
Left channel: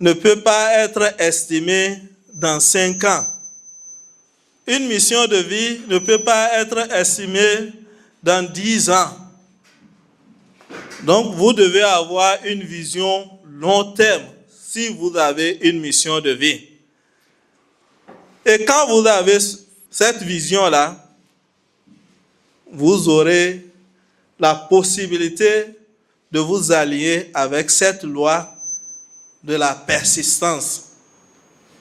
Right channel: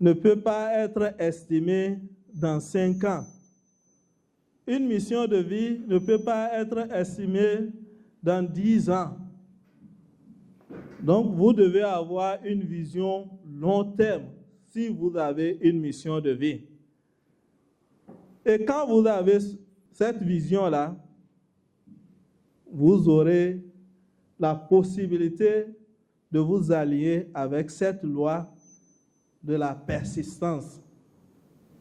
ne peut pas être estimée dans 5 ans. Une mission de vie ne peut pas être estimée dans 10 ans. Donc, vous devez avoir une vision long terme si vous avez une mission de vie. Et quand vous avez cette vision-là, vous aurez la possibilité de vous allier avec cette loi de la persistance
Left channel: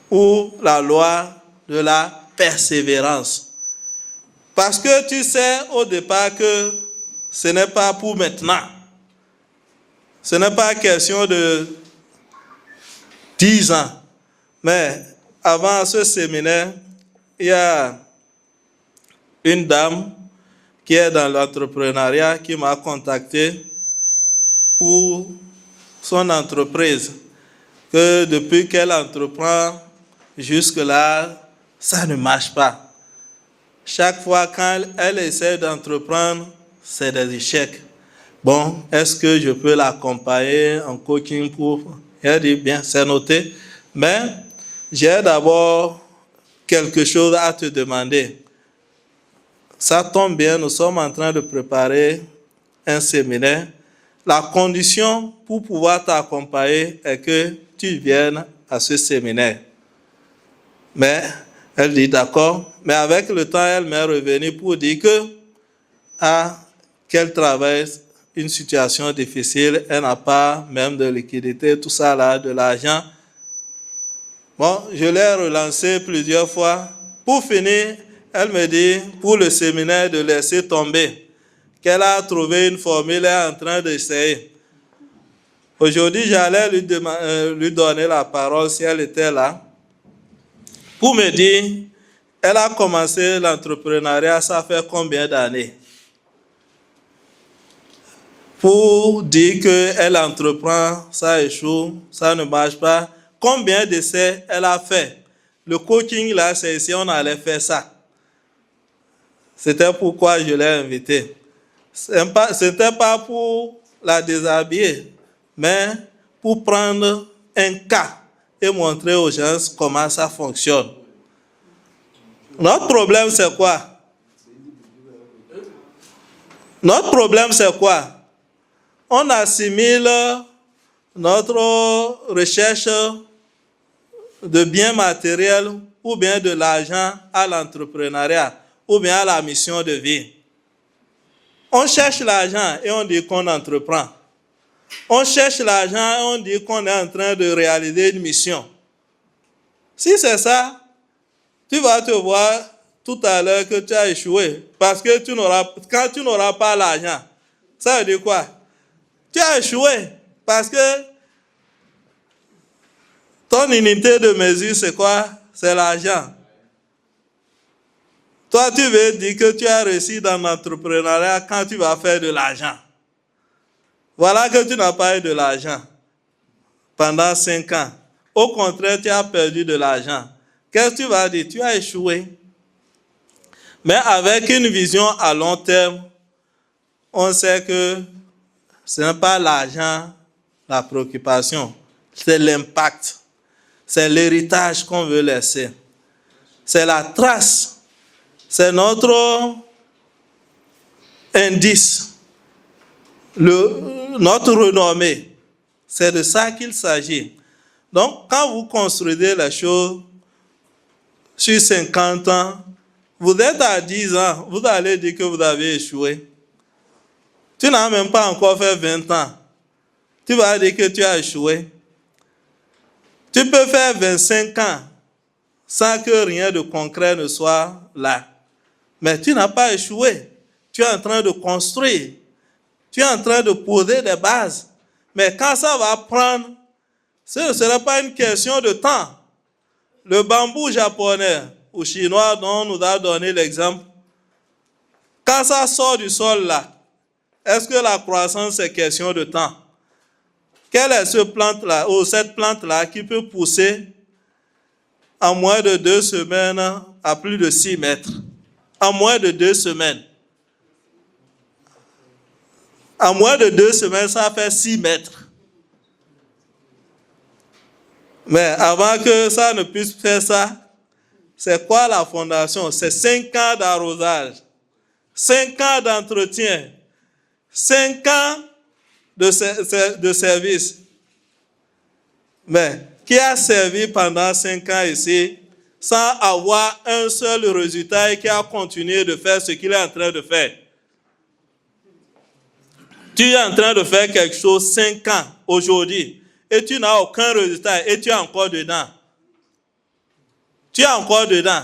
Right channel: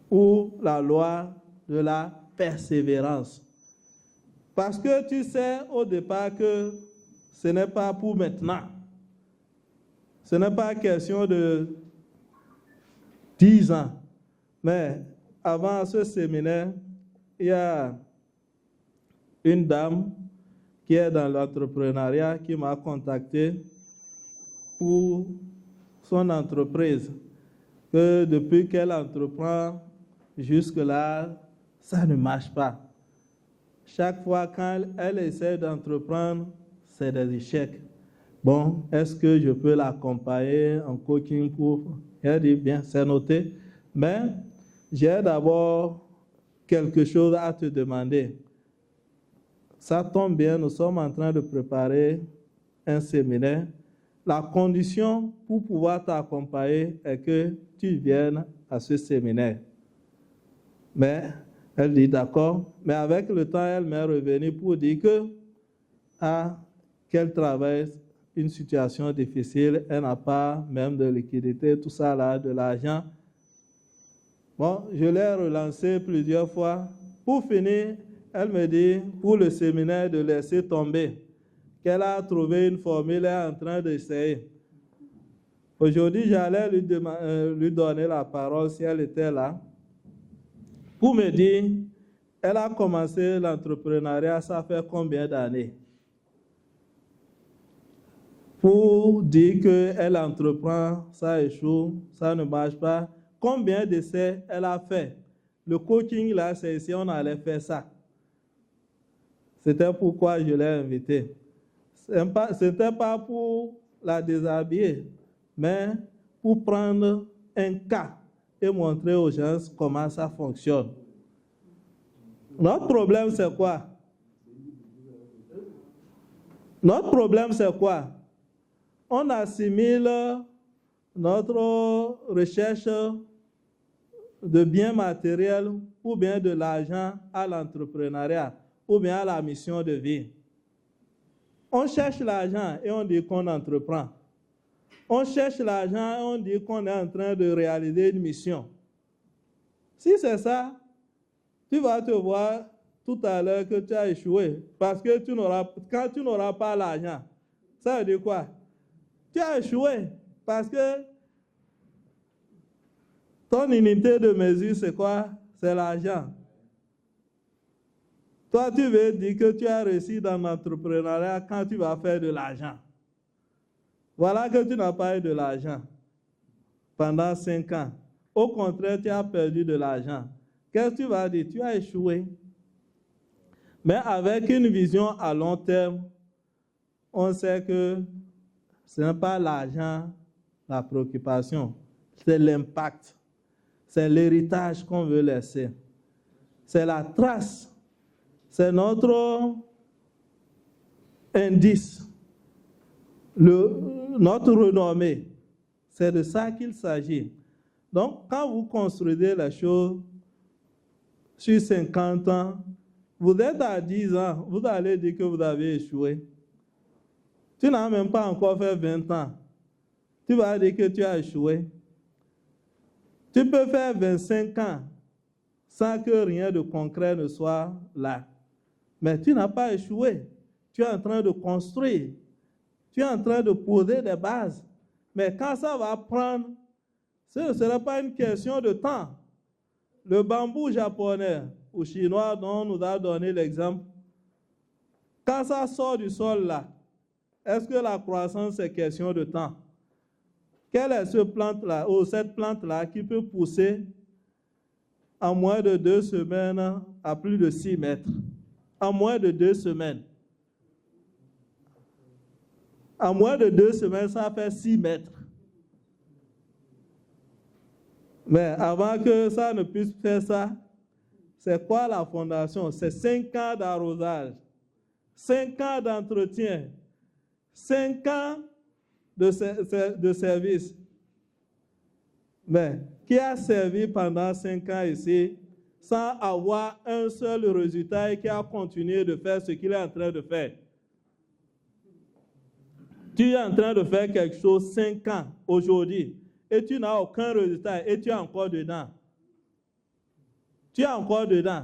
ou la loi de la persévérance. Parce que tu sais au départ que ce n'est pas pour maintenant. Ce n'est pas question de 10 ans. Mais avant ce séminaire, il y a une dame qui est dans l'entrepreneuriat qui m'a contacté pour son entreprise. Que depuis qu'elle entreprend, jusque-là, ça ne marche pas. Chaque fois quand elle essaie d'entreprendre, c'est des échecs. Bon, est-ce que je peux l'accompagner en coaching pour... Elle dit, bien, c'est noté. Mais j'ai d'abord quelque chose à te demander. Ça tombe bien, nous sommes en train de préparer un séminaire. La condition pour pouvoir t'accompagner est que tu viennes à ce séminaire. Mais elle dit d'accord, mais avec le temps, elle m'est revenue pour dire qu'elle traverse une situation difficile, elle n'a pas même de liquidité, tout ça là, de l'argent. Bon, je l'ai relancé plusieurs fois. Pour finir, elle me dit, pour le séminaire, de laisser tomber, qu'elle a trouvé une formule, elle est en train d'essayer. Aujourd'hui, j'allais lui donner la parole si elle était là, pour me dire, elle a commencé l'entrepreneuriat, ça fait combien d'années? pour dire qu'elle entreprend, ça échoue, ça ne marche pas. Combien d'essais elle a fait? Le coaching, là, c'est ici, on allait faire ça. C'était pourquoi je l'ai invitée. Ce n'était pas pour la déshabiller, mais pour prendre un cas et montrer aux gens comment ça fonctionne. Notre problème, c'est quoi? Notre problème, c'est quoi? On assimile notre recherche de biens matériels ou bien de l'argent à l'entrepreneuriat ou bien à la mission de vie. On cherche l'argent et on dit qu'on entreprend. On cherche l'argent et on dit qu'on est en train de réaliser une mission. Si c'est ça, tu vas te voir tout à l'heure que tu as échoué parce que quand tu n'auras pas l'argent, ça veut dire quoi? Tu as échoué parce que ton unité de mesure, c'est quoi? C'est l'argent. Toi, tu veux dire que tu as réussi dans l'entrepreneuriat quand tu vas faire de l'argent. Voilà que tu n'as pas eu de l'argent pendant 5 ans. Au contraire, tu as perdu de l'argent. Qu'est-ce que tu vas dire? Tu as échoué. Mais avec une vision à long terme, on sait que ce n'est pas l'argent, la préoccupation, c'est l'impact, c'est l'héritage qu'on veut laisser, c'est la trace, c'est notre indice, notre renommée. C'est de ça qu'il s'agit. Donc, quand vous construisez les choses sur 50 ans, vous êtes à 10 ans, vous allez dire que vous avez échoué. Tu n'as même pas encore fait 20 ans. Tu vas dire que tu as échoué. Tu peux faire 25 ans sans que rien de concret ne soit là. Mais tu n'as pas échoué. Tu es en train de construire. Tu es en train de poser des bases. Mais quand ça va prendre, ce ne sera pas une question de temps. Le bambou japonais ou chinois dont on nous a donné l'exemple, quand ça sort du sol là, est-ce que la croissance est question de temps? Quelle est cette plante-là, ou cette plante-là qui peut pousser en moins de 2 semaines à plus de 6 mètres? En moins de 2 semaines. En moins de 2 semaines, ça fait 6 mètres. Mais avant que ça ne puisse faire ça, c'est quoi la fondation? C'est 5 ans d'arrosage, 5 ans d'entretien, 5 ans de service. Mais qui a servi pendant 5 ans ici sans avoir un seul résultat et qui a continué de faire ce qu'il est en train de faire? Tu es en train de faire quelque chose 5 ans aujourd'hui et tu n'as aucun résultat et tu es encore dedans. Tu es encore dedans.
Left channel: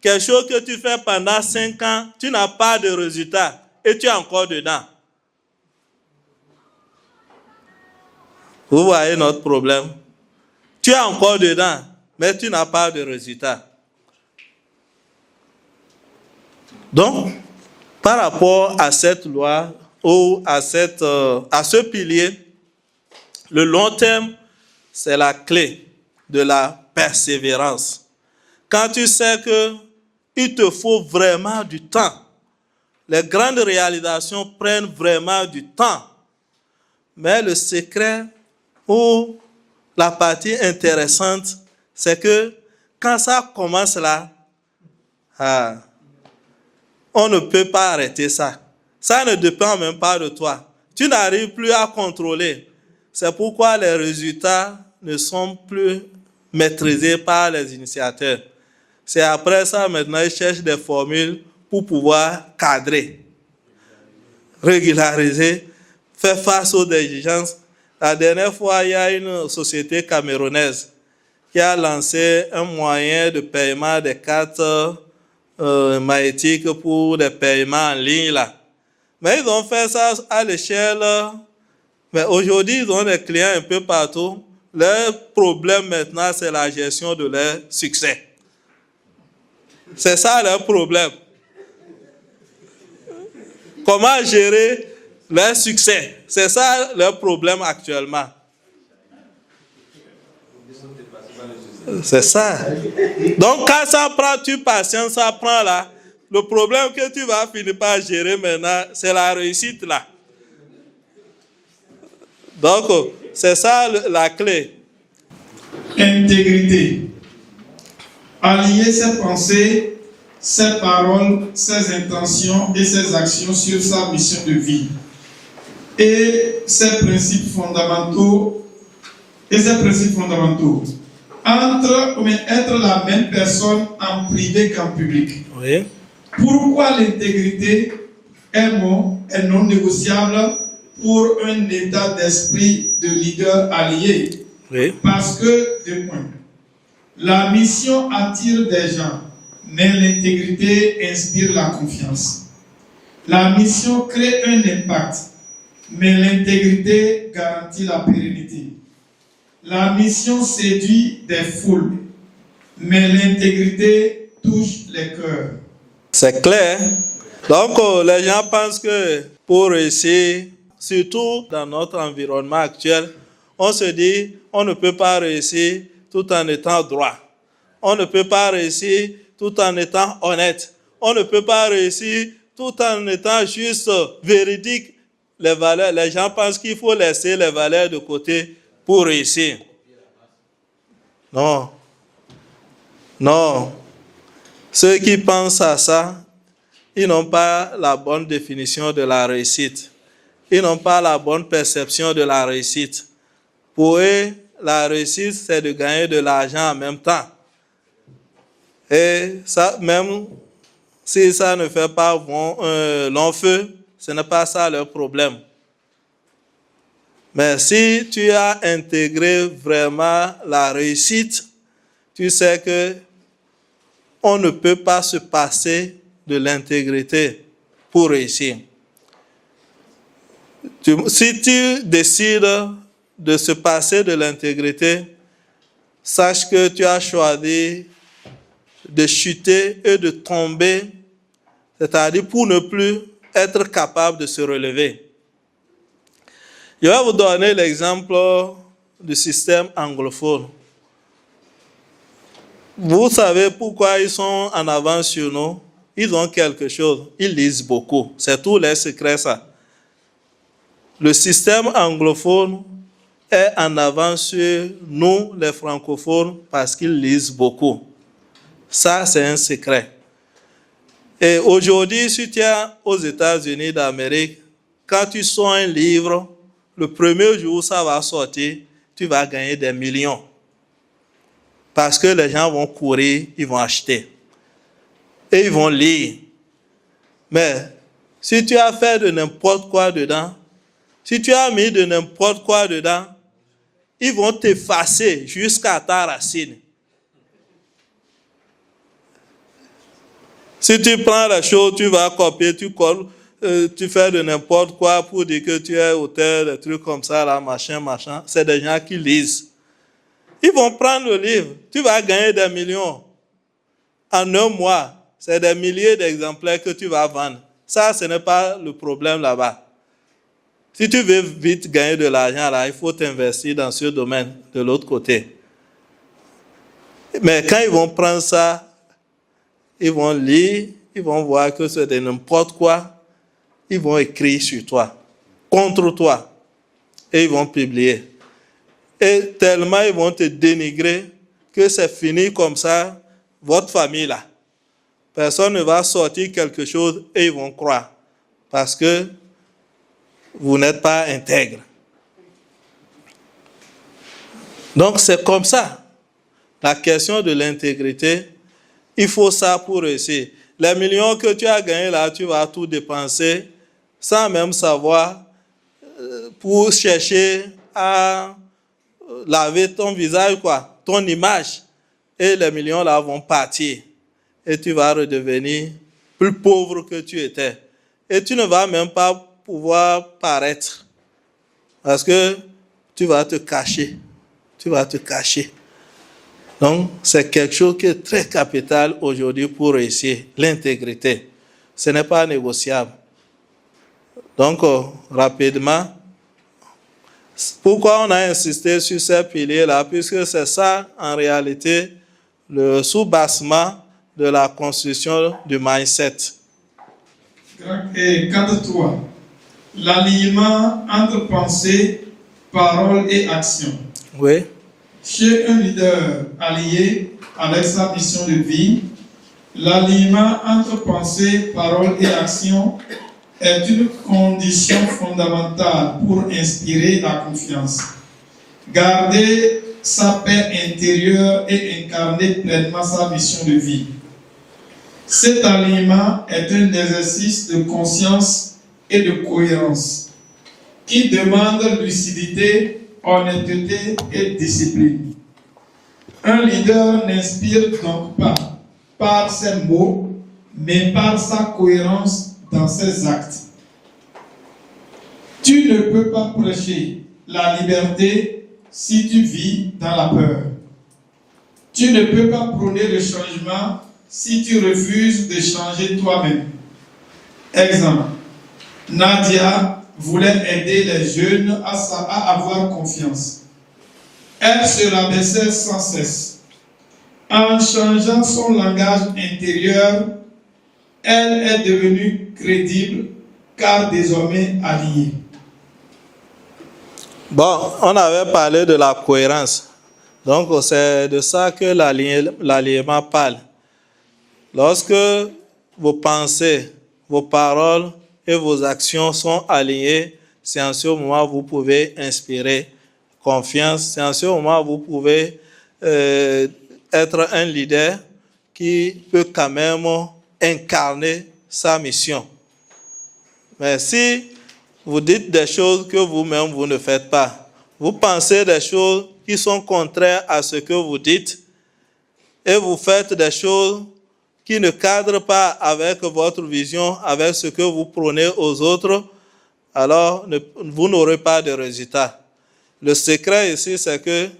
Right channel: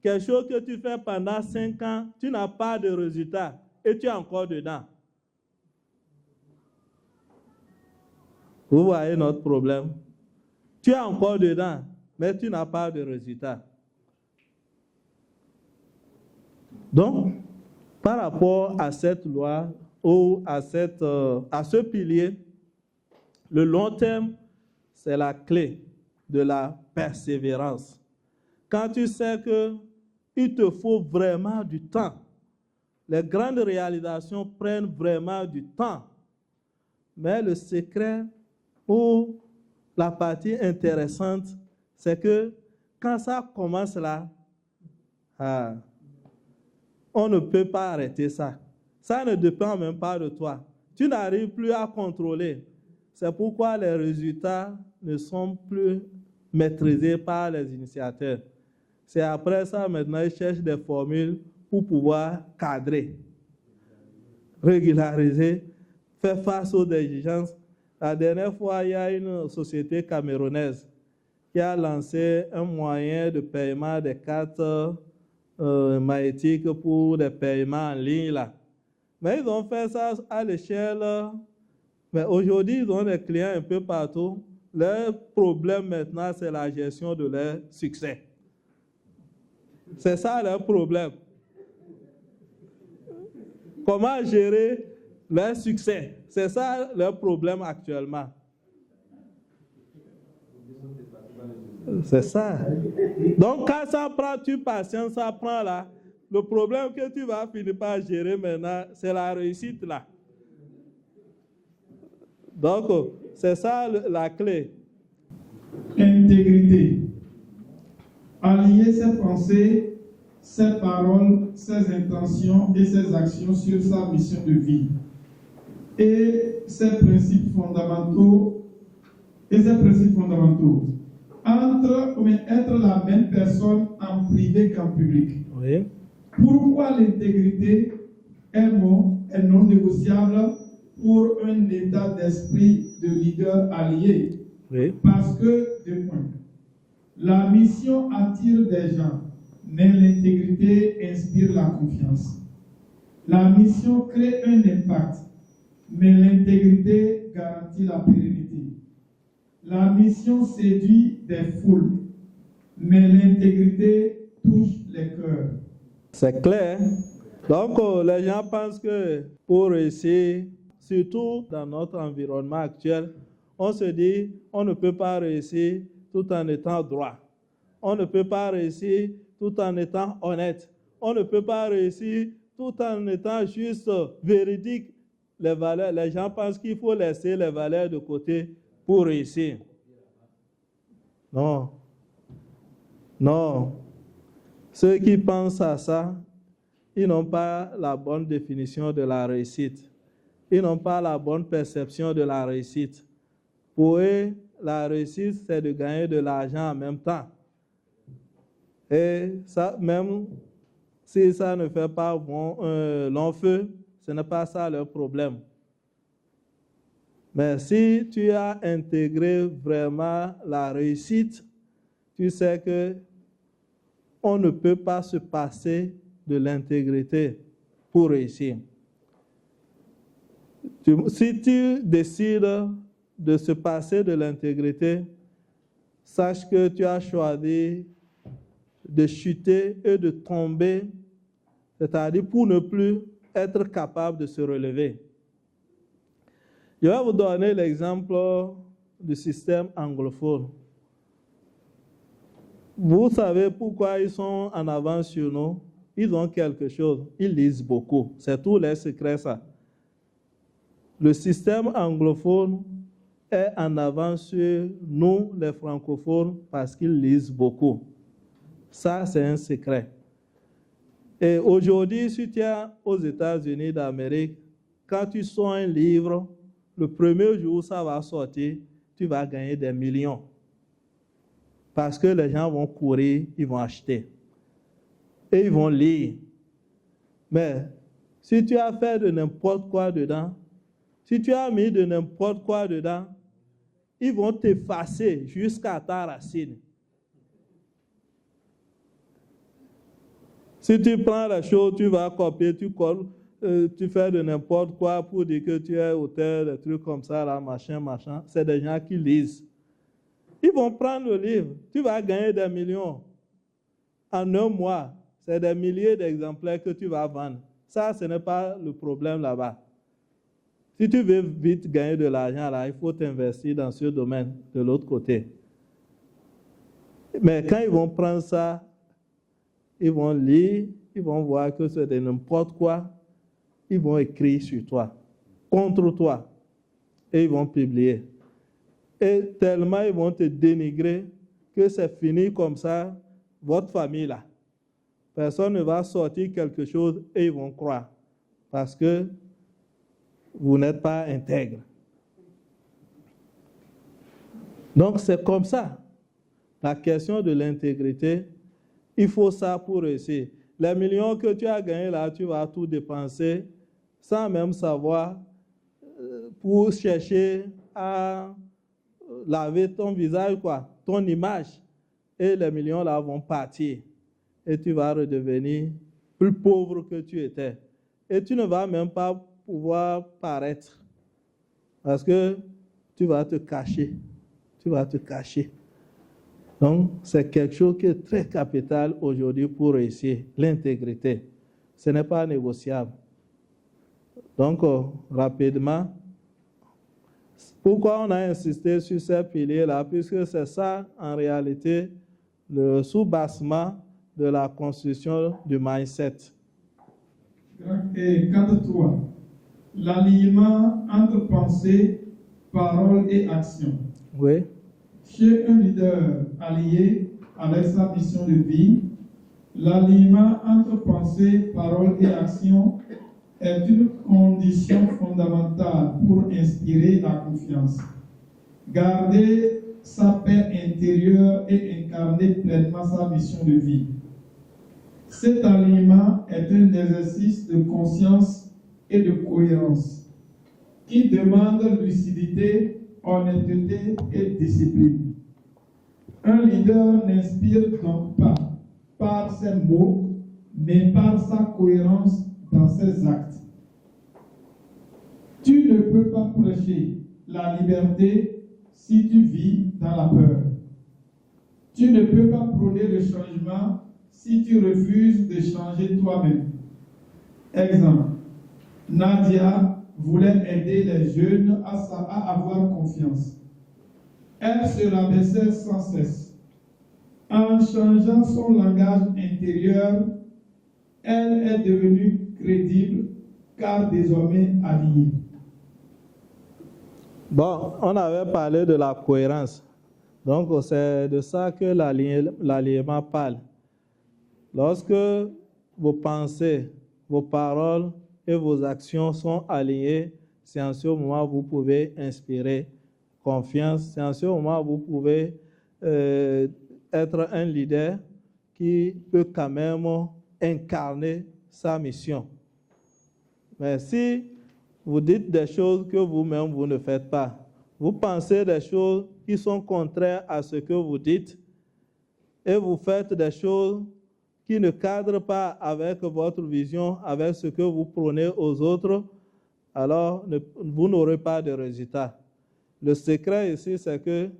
Quelque chose que tu fais pendant 5 ans, tu n'as pas de résultat et tu es encore dedans. Vous voyez notre problème? Tu es encore dedans, mais tu n'as pas de résultat. Donc, par rapport à cette loi ou à ce pilier, le long terme, c'est la clé de la persévérance. Quand tu sais qu'il te faut vraiment du temps, les grandes réalisations prennent vraiment du temps, mais le secret ou la partie intéressante, c'est que quand ça commence là, on ne peut pas arrêter ça. Ça ne dépend même pas de toi. Tu n'arrives plus à contrôler. C'est pourquoi les résultats ne sont plus maîtrisés par les initiateurs. C'est après ça, maintenant, ils cherchent des formules pour pouvoir cadrer, régulariser, faire face aux exigences. La dernière fois, il y a une société camerounaise qui a lancé un moyen de paiement des cartes magnétiques pour des paiements en ligne là. Mais ils ont fait ça à l'échelle. Mais aujourd'hui, ils ont des clients un peu partout. Leur problème maintenant, c'est la gestion de leur succès. C'est ça leur problème. Comment gérer leur succès. C'est ça leur problème actuellement. C'est ça. Donc, quand ça prend, tu patientes, ça prend là. Le problème que tu vas finir par gérer maintenant, c'est la réussite là. Donc, c'est ça la clé. Intégrité. Aligner ses pensées, ses paroles, ses intentions et ses actions sur sa mission de vie et ses principes fondamentaux. Être la même personne en privé qu'en public. Oui. Pourquoi l'intégrité est non négociable pour un état d'esprit de leader allié? Oui. Parce que, deux points, la mission attire des gens, mais l'intégrité inspire la confiance. La mission crée un impact, mais l'intégrité garantit la pérennité. La mission séduit des foules, mais l'intégrité touche les cœurs. C'est clair. Donc, les gens pensent que pour réussir, surtout dans notre environnement actuel, on se dit on ne peut pas réussir tout en étant droit. On ne peut pas réussir tout en étant honnête. On ne peut pas réussir tout en étant juste véridique. Les valeurs, les gens pensent qu'il faut laisser les valeurs de côté pour réussir. Non. Non. Ceux qui pensent à ça, ils n'ont pas la bonne définition de la réussite. Ils n'ont pas la bonne perception de la réussite. Pour eux, la réussite, c'est de gagner de l'argent en même temps. Et ça, même si ça ne fait pas long feu, ce n'est pas ça leur problème. Mais si tu as intégré vraiment la réussite, tu sais que on ne peut pas se passer de l'intégrité pour réussir. Si tu décides de se passer de l'intégrité, sache que tu as choisi de chuter et de tomber, c'est-à-dire pour ne plus être capable de se relever. Je vais vous donner l'exemple du système anglophone. Vous savez pourquoi ils sont en avance sur nous? Ils ont quelque chose. Ils lisent beaucoup. C'est tout leur secret, ça. Le système anglophone est en avance sur nous, les francophones, parce qu'ils lisent beaucoup. Ça, c'est un secret. Et aujourd'hui, si tu es aux États-Unis d'Amérique, quand tu sors un livre, le premier jour où ça va sortir, tu vas gagner des millions. Parce que les gens vont courir, ils vont acheter. Et ils vont lire. Mais si tu as fait de n'importe quoi dedans, si tu as mis de n'importe quoi dedans, ils vont t'effacer jusqu'à ta racine. Si tu prends la chose, tu vas copier, tu colles, tu fais de n'importe quoi pour dire que tu es auteur, des trucs comme ça, là, machin. C'est des gens qui lisent. Ils vont prendre le livre, tu vas gagner des millions. En un mois, c'est des milliers d'exemplaires que tu vas vendre. Ça, ce n'est pas le problème là-bas. Si tu veux vite gagner de l'argent, là, il faut t'investir dans ce domaine de l'autre côté. Mais quand ils vont prendre ça, ils vont lire, ils vont voir que c'est de n'importe quoi, ils vont écrire sur toi, contre toi, et ils vont publier. Et tellement ils vont te dénigrer que c'est fini comme ça, votre famille là. Personne ne va sortir quelque chose et ils vont croire. Parce que vous n'êtes pas intègre. Donc c'est comme ça. La question de l'intégrité, il faut ça pour réussir. Les millions que tu as gagnés là, tu vas tout dépenser sans même savoir pour chercher à laver ton visage, quoi, ton image. Et les millions là vont partir. Et tu vas redevenir plus pauvre que tu étais. Et tu ne vas même pas pouvoir paraître. Parce que tu vas te cacher. Tu vas te cacher. Donc, c'est quelque chose qui est très capital aujourd'hui pour réussir, l'intégrité. Ce n'est pas négociable. Donc, rapidement, pourquoi on a insisté sur ces piliers-là? Puisque c'est ça, en réalité, le sous-bassement de la construction du mindset. Et 4.3. L'alignement entre pensée, parole et action. Oui. Chez un leader allié avec sa mission de vie, l'alignement entre pensée, parole et action est une condition fondamentale pour inspirer la confiance, garder sa paix intérieure et incarner pleinement sa mission de vie. Cet alignement est un exercice de conscience et de cohérence qui demande lucidité, honnêteté et discipline. Un leader n'inspire donc pas par ses mots, mais par sa cohérence dans ses actes. Tu ne peux pas prêcher la liberté si tu vis dans la peur. Tu ne peux pas prôner le changement si tu refuses de changer toi-même. Exemple, Nadia voulait aider les jeunes à avoir confiance. Elle se rabaissait sans cesse. En changeant son langage intérieur, elle est devenue crédible car désormais alliée. Bon, on avait parlé de la cohérence. Donc, c'est de ça que l'alignement parle. Lorsque vos pensées, vos paroles et vos actions sont alignées, c'est en ce moment que vous pouvez inspirer confiance. C'est en ce moment que vous pouvez être un leader qui peut quand même incarner sa mission. Mais si vous dites des choses que vous-même vous ne faites pas, vous pensez des choses qui sont contraires à ce que vous dites et vous faites des choses qui ne cadrent pas avec votre vision, avec ce que vous prônez aux autres, alors vous n'aurez pas de résultat. Le secret ici, c'est que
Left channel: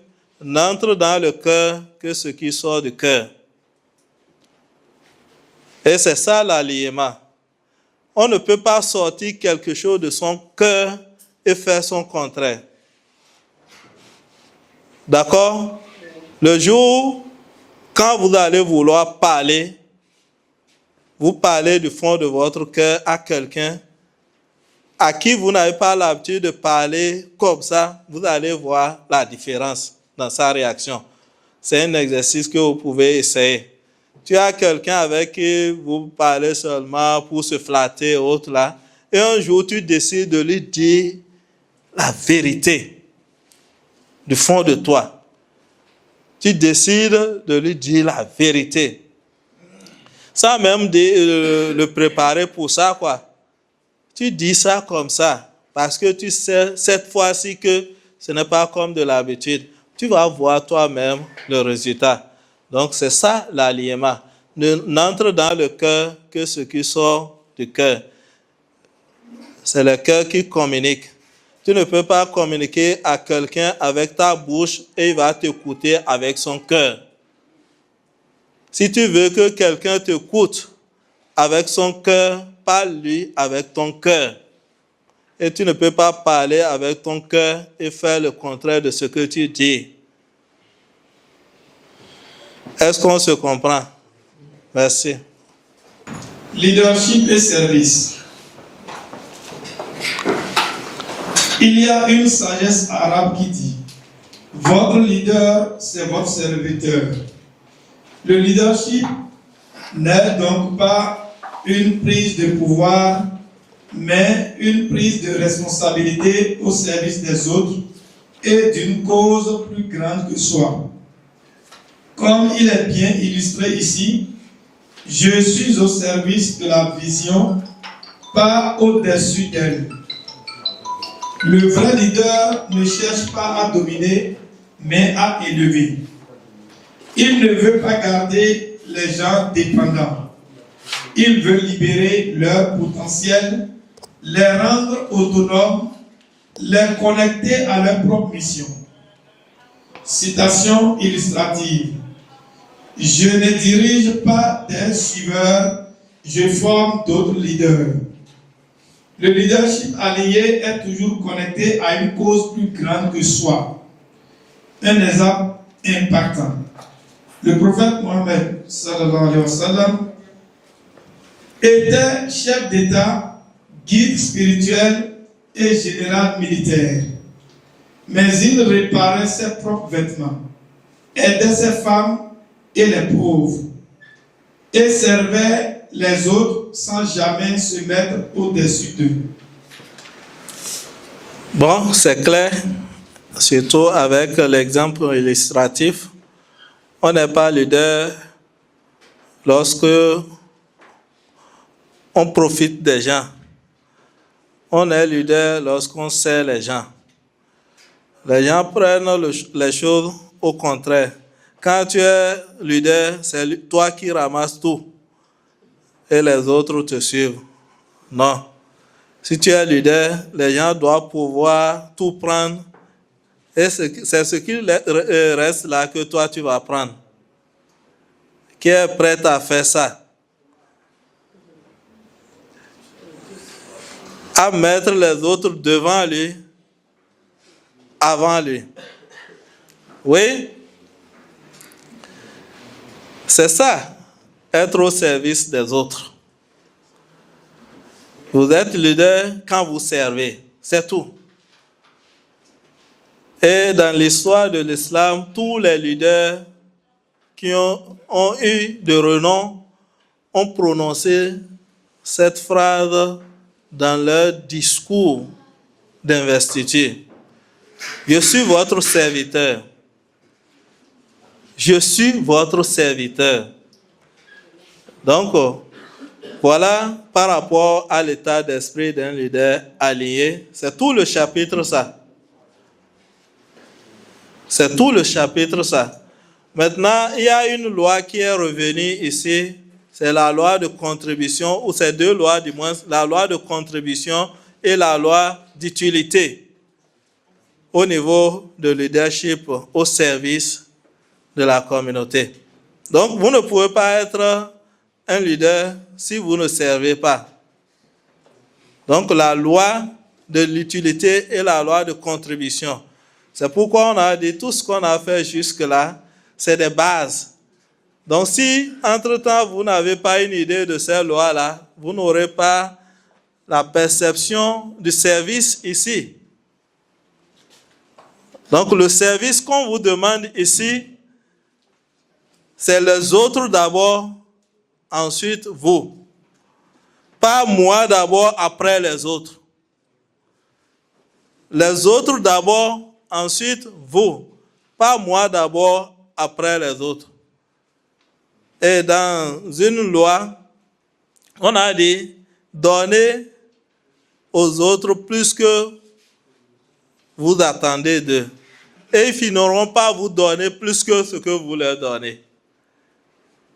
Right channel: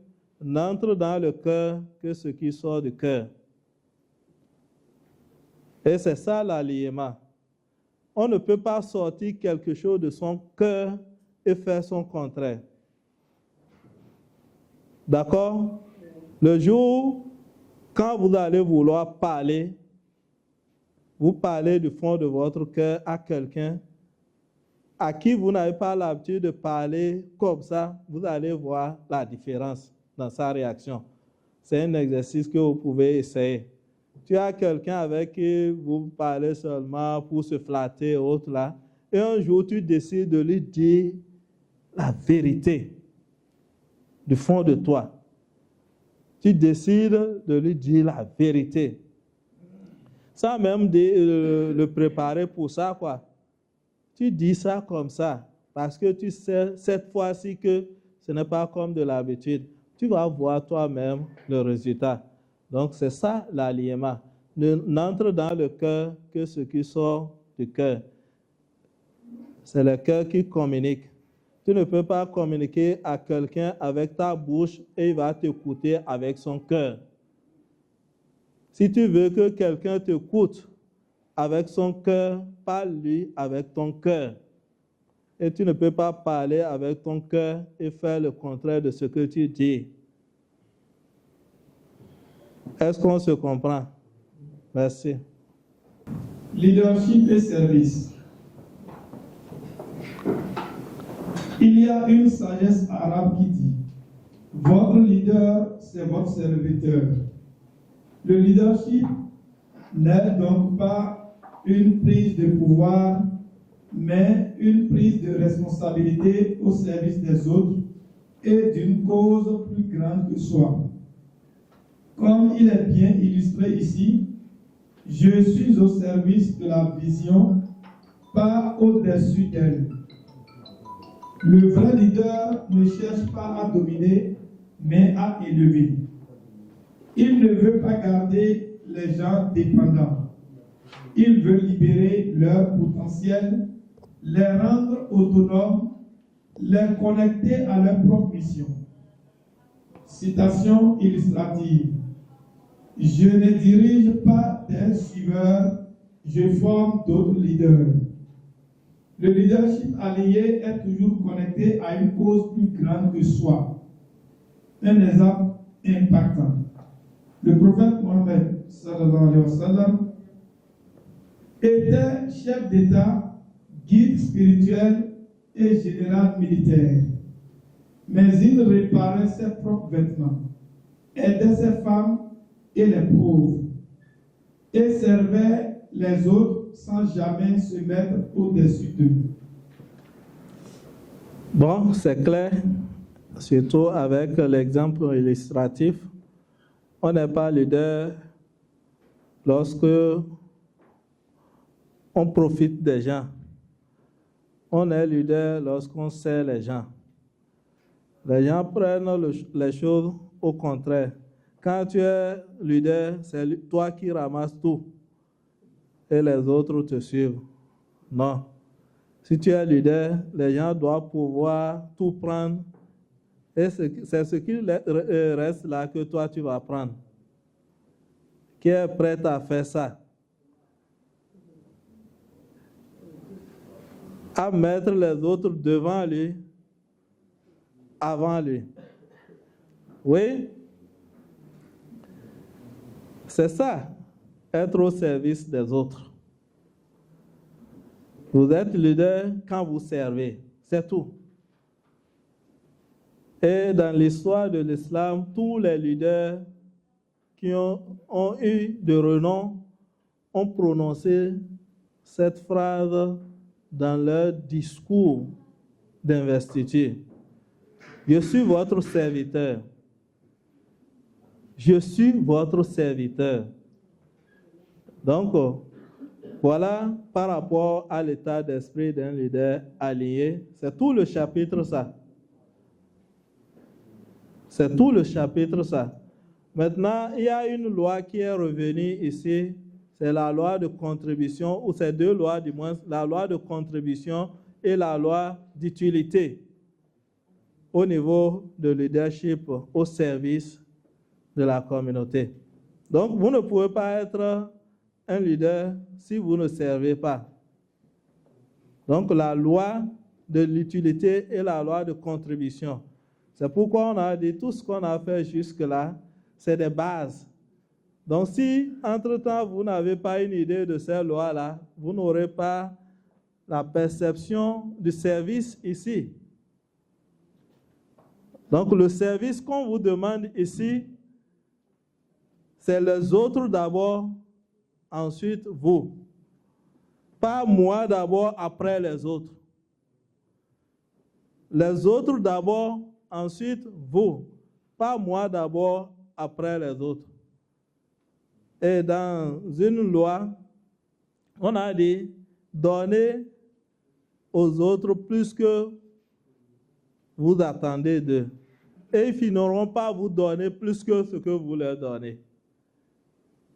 n'entre dans le cœur que ce qui sort du cœur. Et c'est ça l'alignement. On ne peut pas sortir quelque chose de son cœur et faire son contraire. D'accord? Le jour, quand vous allez vouloir parler, vous parlez du fond de votre cœur à quelqu'un à qui vous n'avez pas l'habitude de parler comme ça, vous allez voir la différence dans sa réaction. C'est un exercice que vous pouvez essayer. Tu as quelqu'un avec qui vous parlez seulement pour se flatter, autre là, et un jour tu décides de lui dire la vérité du fond de toi. Tu décides de lui dire la vérité. Sans même le préparer pour ça, quoi. Tu dis ça comme ça, parce que tu sais cette fois-ci que ce n'est pas comme de l'habitude. Tu vas voir toi-même le résultat. Donc c'est ça l'alignement. N'entre dans le cœur que ce qui sort du cœur. C'est le cœur qui communique. Tu ne peux pas communiquer à quelqu'un avec ta bouche et il va t'écouter avec son cœur. Si tu veux que quelqu'un t'écoute avec son cœur, parle-lui avec ton cœur. Et tu ne peux pas parler avec ton cœur et faire le contraire de ce que tu dis. Est-ce qu'on se comprend? Merci. Leadership et service. Il y a une sagesse arabe qui dit « Votre leader, c'est votre serviteur ». Le leadership n'est donc pas une prise de pouvoir, mais une prise de responsabilité au service des autres et d'une cause plus grande que soi. Comme il est bien illustré ici, je suis au service de la vision, pas au-dessus d'elle. Le vrai leader ne cherche pas à dominer, mais à élever. Il ne veut pas garder les gens dépendants. Il veut libérer leur potentiel, les rendre autonomes, les connecter à leur propre mission. Citation illustrative. Je ne dirige pas des suiveurs, je forme d'autres leaders. Le leadership aligné est toujours connecté à une cause plus grande que soi. Un exemple impactant. Le prophète Mohammed sallallahu alayhi wa sallam était chef d'État, guide spirituel et général militaire. Mais il réparait ses propres vêtements, aidait ses femmes et les pauvres, et servait les autres sans jamais se mettre au-dessus d'eux. Bon, c'est clair, surtout avec l'exemple illustratif. On n'est pas leader lorsque on profite des gens. On est leader lorsqu'on sert les gens. Les gens prennent les choses au contraire. Quand tu es leader, c'est toi qui ramasses tout et les autres te suivent. Non. Si tu es leader, les gens doivent pouvoir tout prendre et c'est ce qui reste là que toi tu vas prendre. Qui est prêt à faire ça? À mettre les autres devant lui, avant lui. Oui? C'est ça, être au service des autres. Vous êtes leader quand vous servez, c'est tout. Et dans l'histoire de l'islam, tous les leaders qui ont eu de renom ont prononcé cette phrase dans leur discours d'investiture. Je suis votre serviteur. Je suis votre serviteur. Donc, voilà par rapport à l'état d'esprit d'un leader aligné. C'est tout le chapitre ça. C'est tout le chapitre ça. Maintenant, il y a une loi qui est revenue ici. C'est la loi de contribution, ou c'est deux lois du moins, la loi de contribution et la loi d'utilité au niveau de leadership au service de la communauté. Donc, vous ne pouvez pas être un leader si vous ne servez pas. Donc, la loi de l'utilité et la loi de contribution. C'est pourquoi on a dit tout ce qu'on a fait jusque-là, c'est des bases. Donc, si, entre-temps, vous n'avez pas une idée de ces lois-là, vous n'aurez pas la perception du service ici. Donc, le service qu'on vous demande ici, c'est les autres d'abord, ensuite vous. Pas moi d'abord, après les autres. Les autres d'abord, ensuite vous. Pas moi d'abord, après les autres. Et dans une loi, on a dit, donnez aux autres plus que vous attendez d'eux. Et ils finiront pas vous donner plus que ce que vous leur donnez.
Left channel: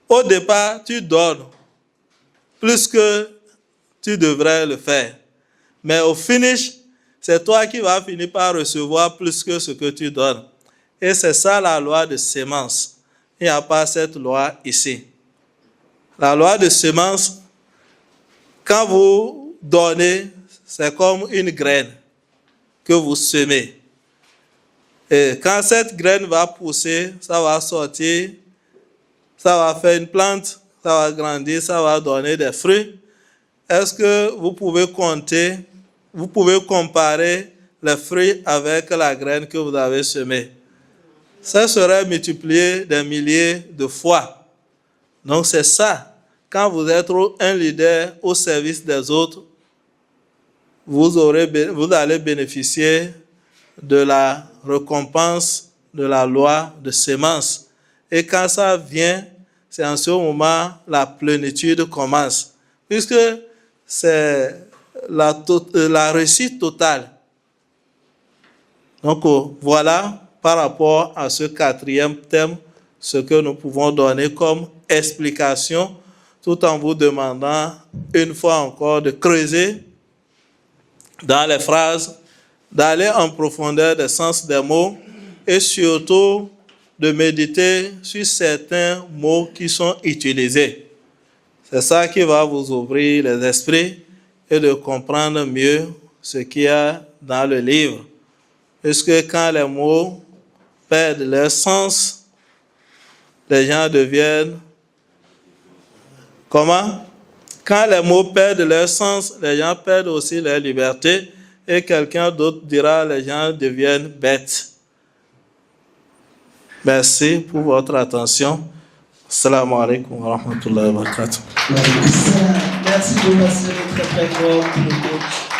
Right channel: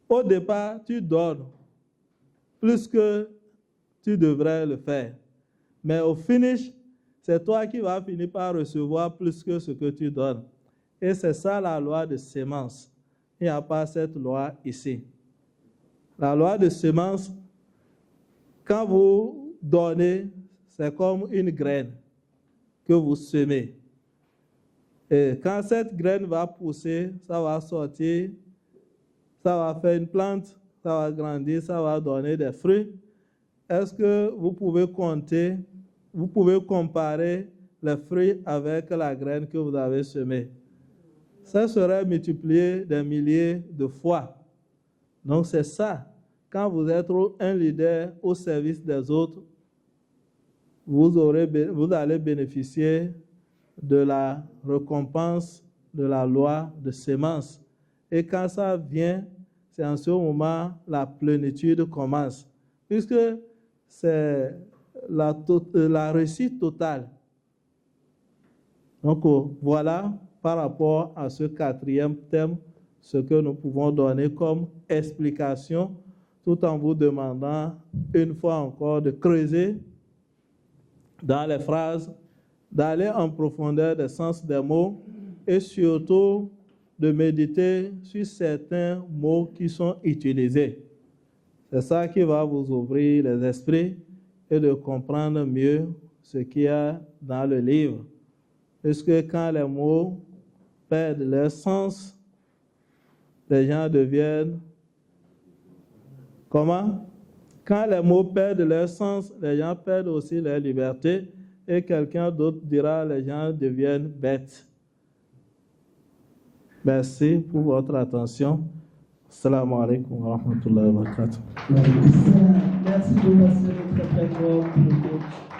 Au départ, tu donnes plus que tu devrais le faire. Mais au finish, c'est toi qui vas finir par recevoir plus que ce que tu donnes. Et c'est ça la loi de sémence. Il n'y a pas cette loi ici. La loi de sémence, quand vous donnez, c'est comme une graine que vous semez. Et quand cette graine va pousser, ça va sortir, ça va faire une plante, ça va grandir, ça va donner des fruits. Est-ce que vous pouvez compter, vous pouvez comparer les fruits avec la graine que vous avez semée? Ça serait multiplié des milliers de fois. Donc c'est ça. Quand vous êtes un leader au service des autres, vous allez bénéficier de la récompense de la loi de sémence. Et quand ça vient, c'est en ce moment la plénitude commence. Puisque c'est la réussite totale. Donc voilà, par rapport à ce quatrième thème, ce que nous pouvons donner comme explication, tout en vous demandant une fois encore de creuser dans les phrases, d'aller en profondeur des sens des mots et surtout de méditer sur certains mots qui sont utilisés. C'est ça qui va vous ouvrir les esprits et de comprendre mieux ce qu'il y a dans le livre. Puisque quand les mots perdent leur sens, les gens deviennent... Comment? Quand les mots perdent leur sens, les gens perdent aussi leur liberté et quelqu'un d'autre dira les gens deviennent bêtes. Merci pour votre attention. Assalamu alaikum wa rahmatullahi wa barakatuh. Merci de passer très très fort pour le coach.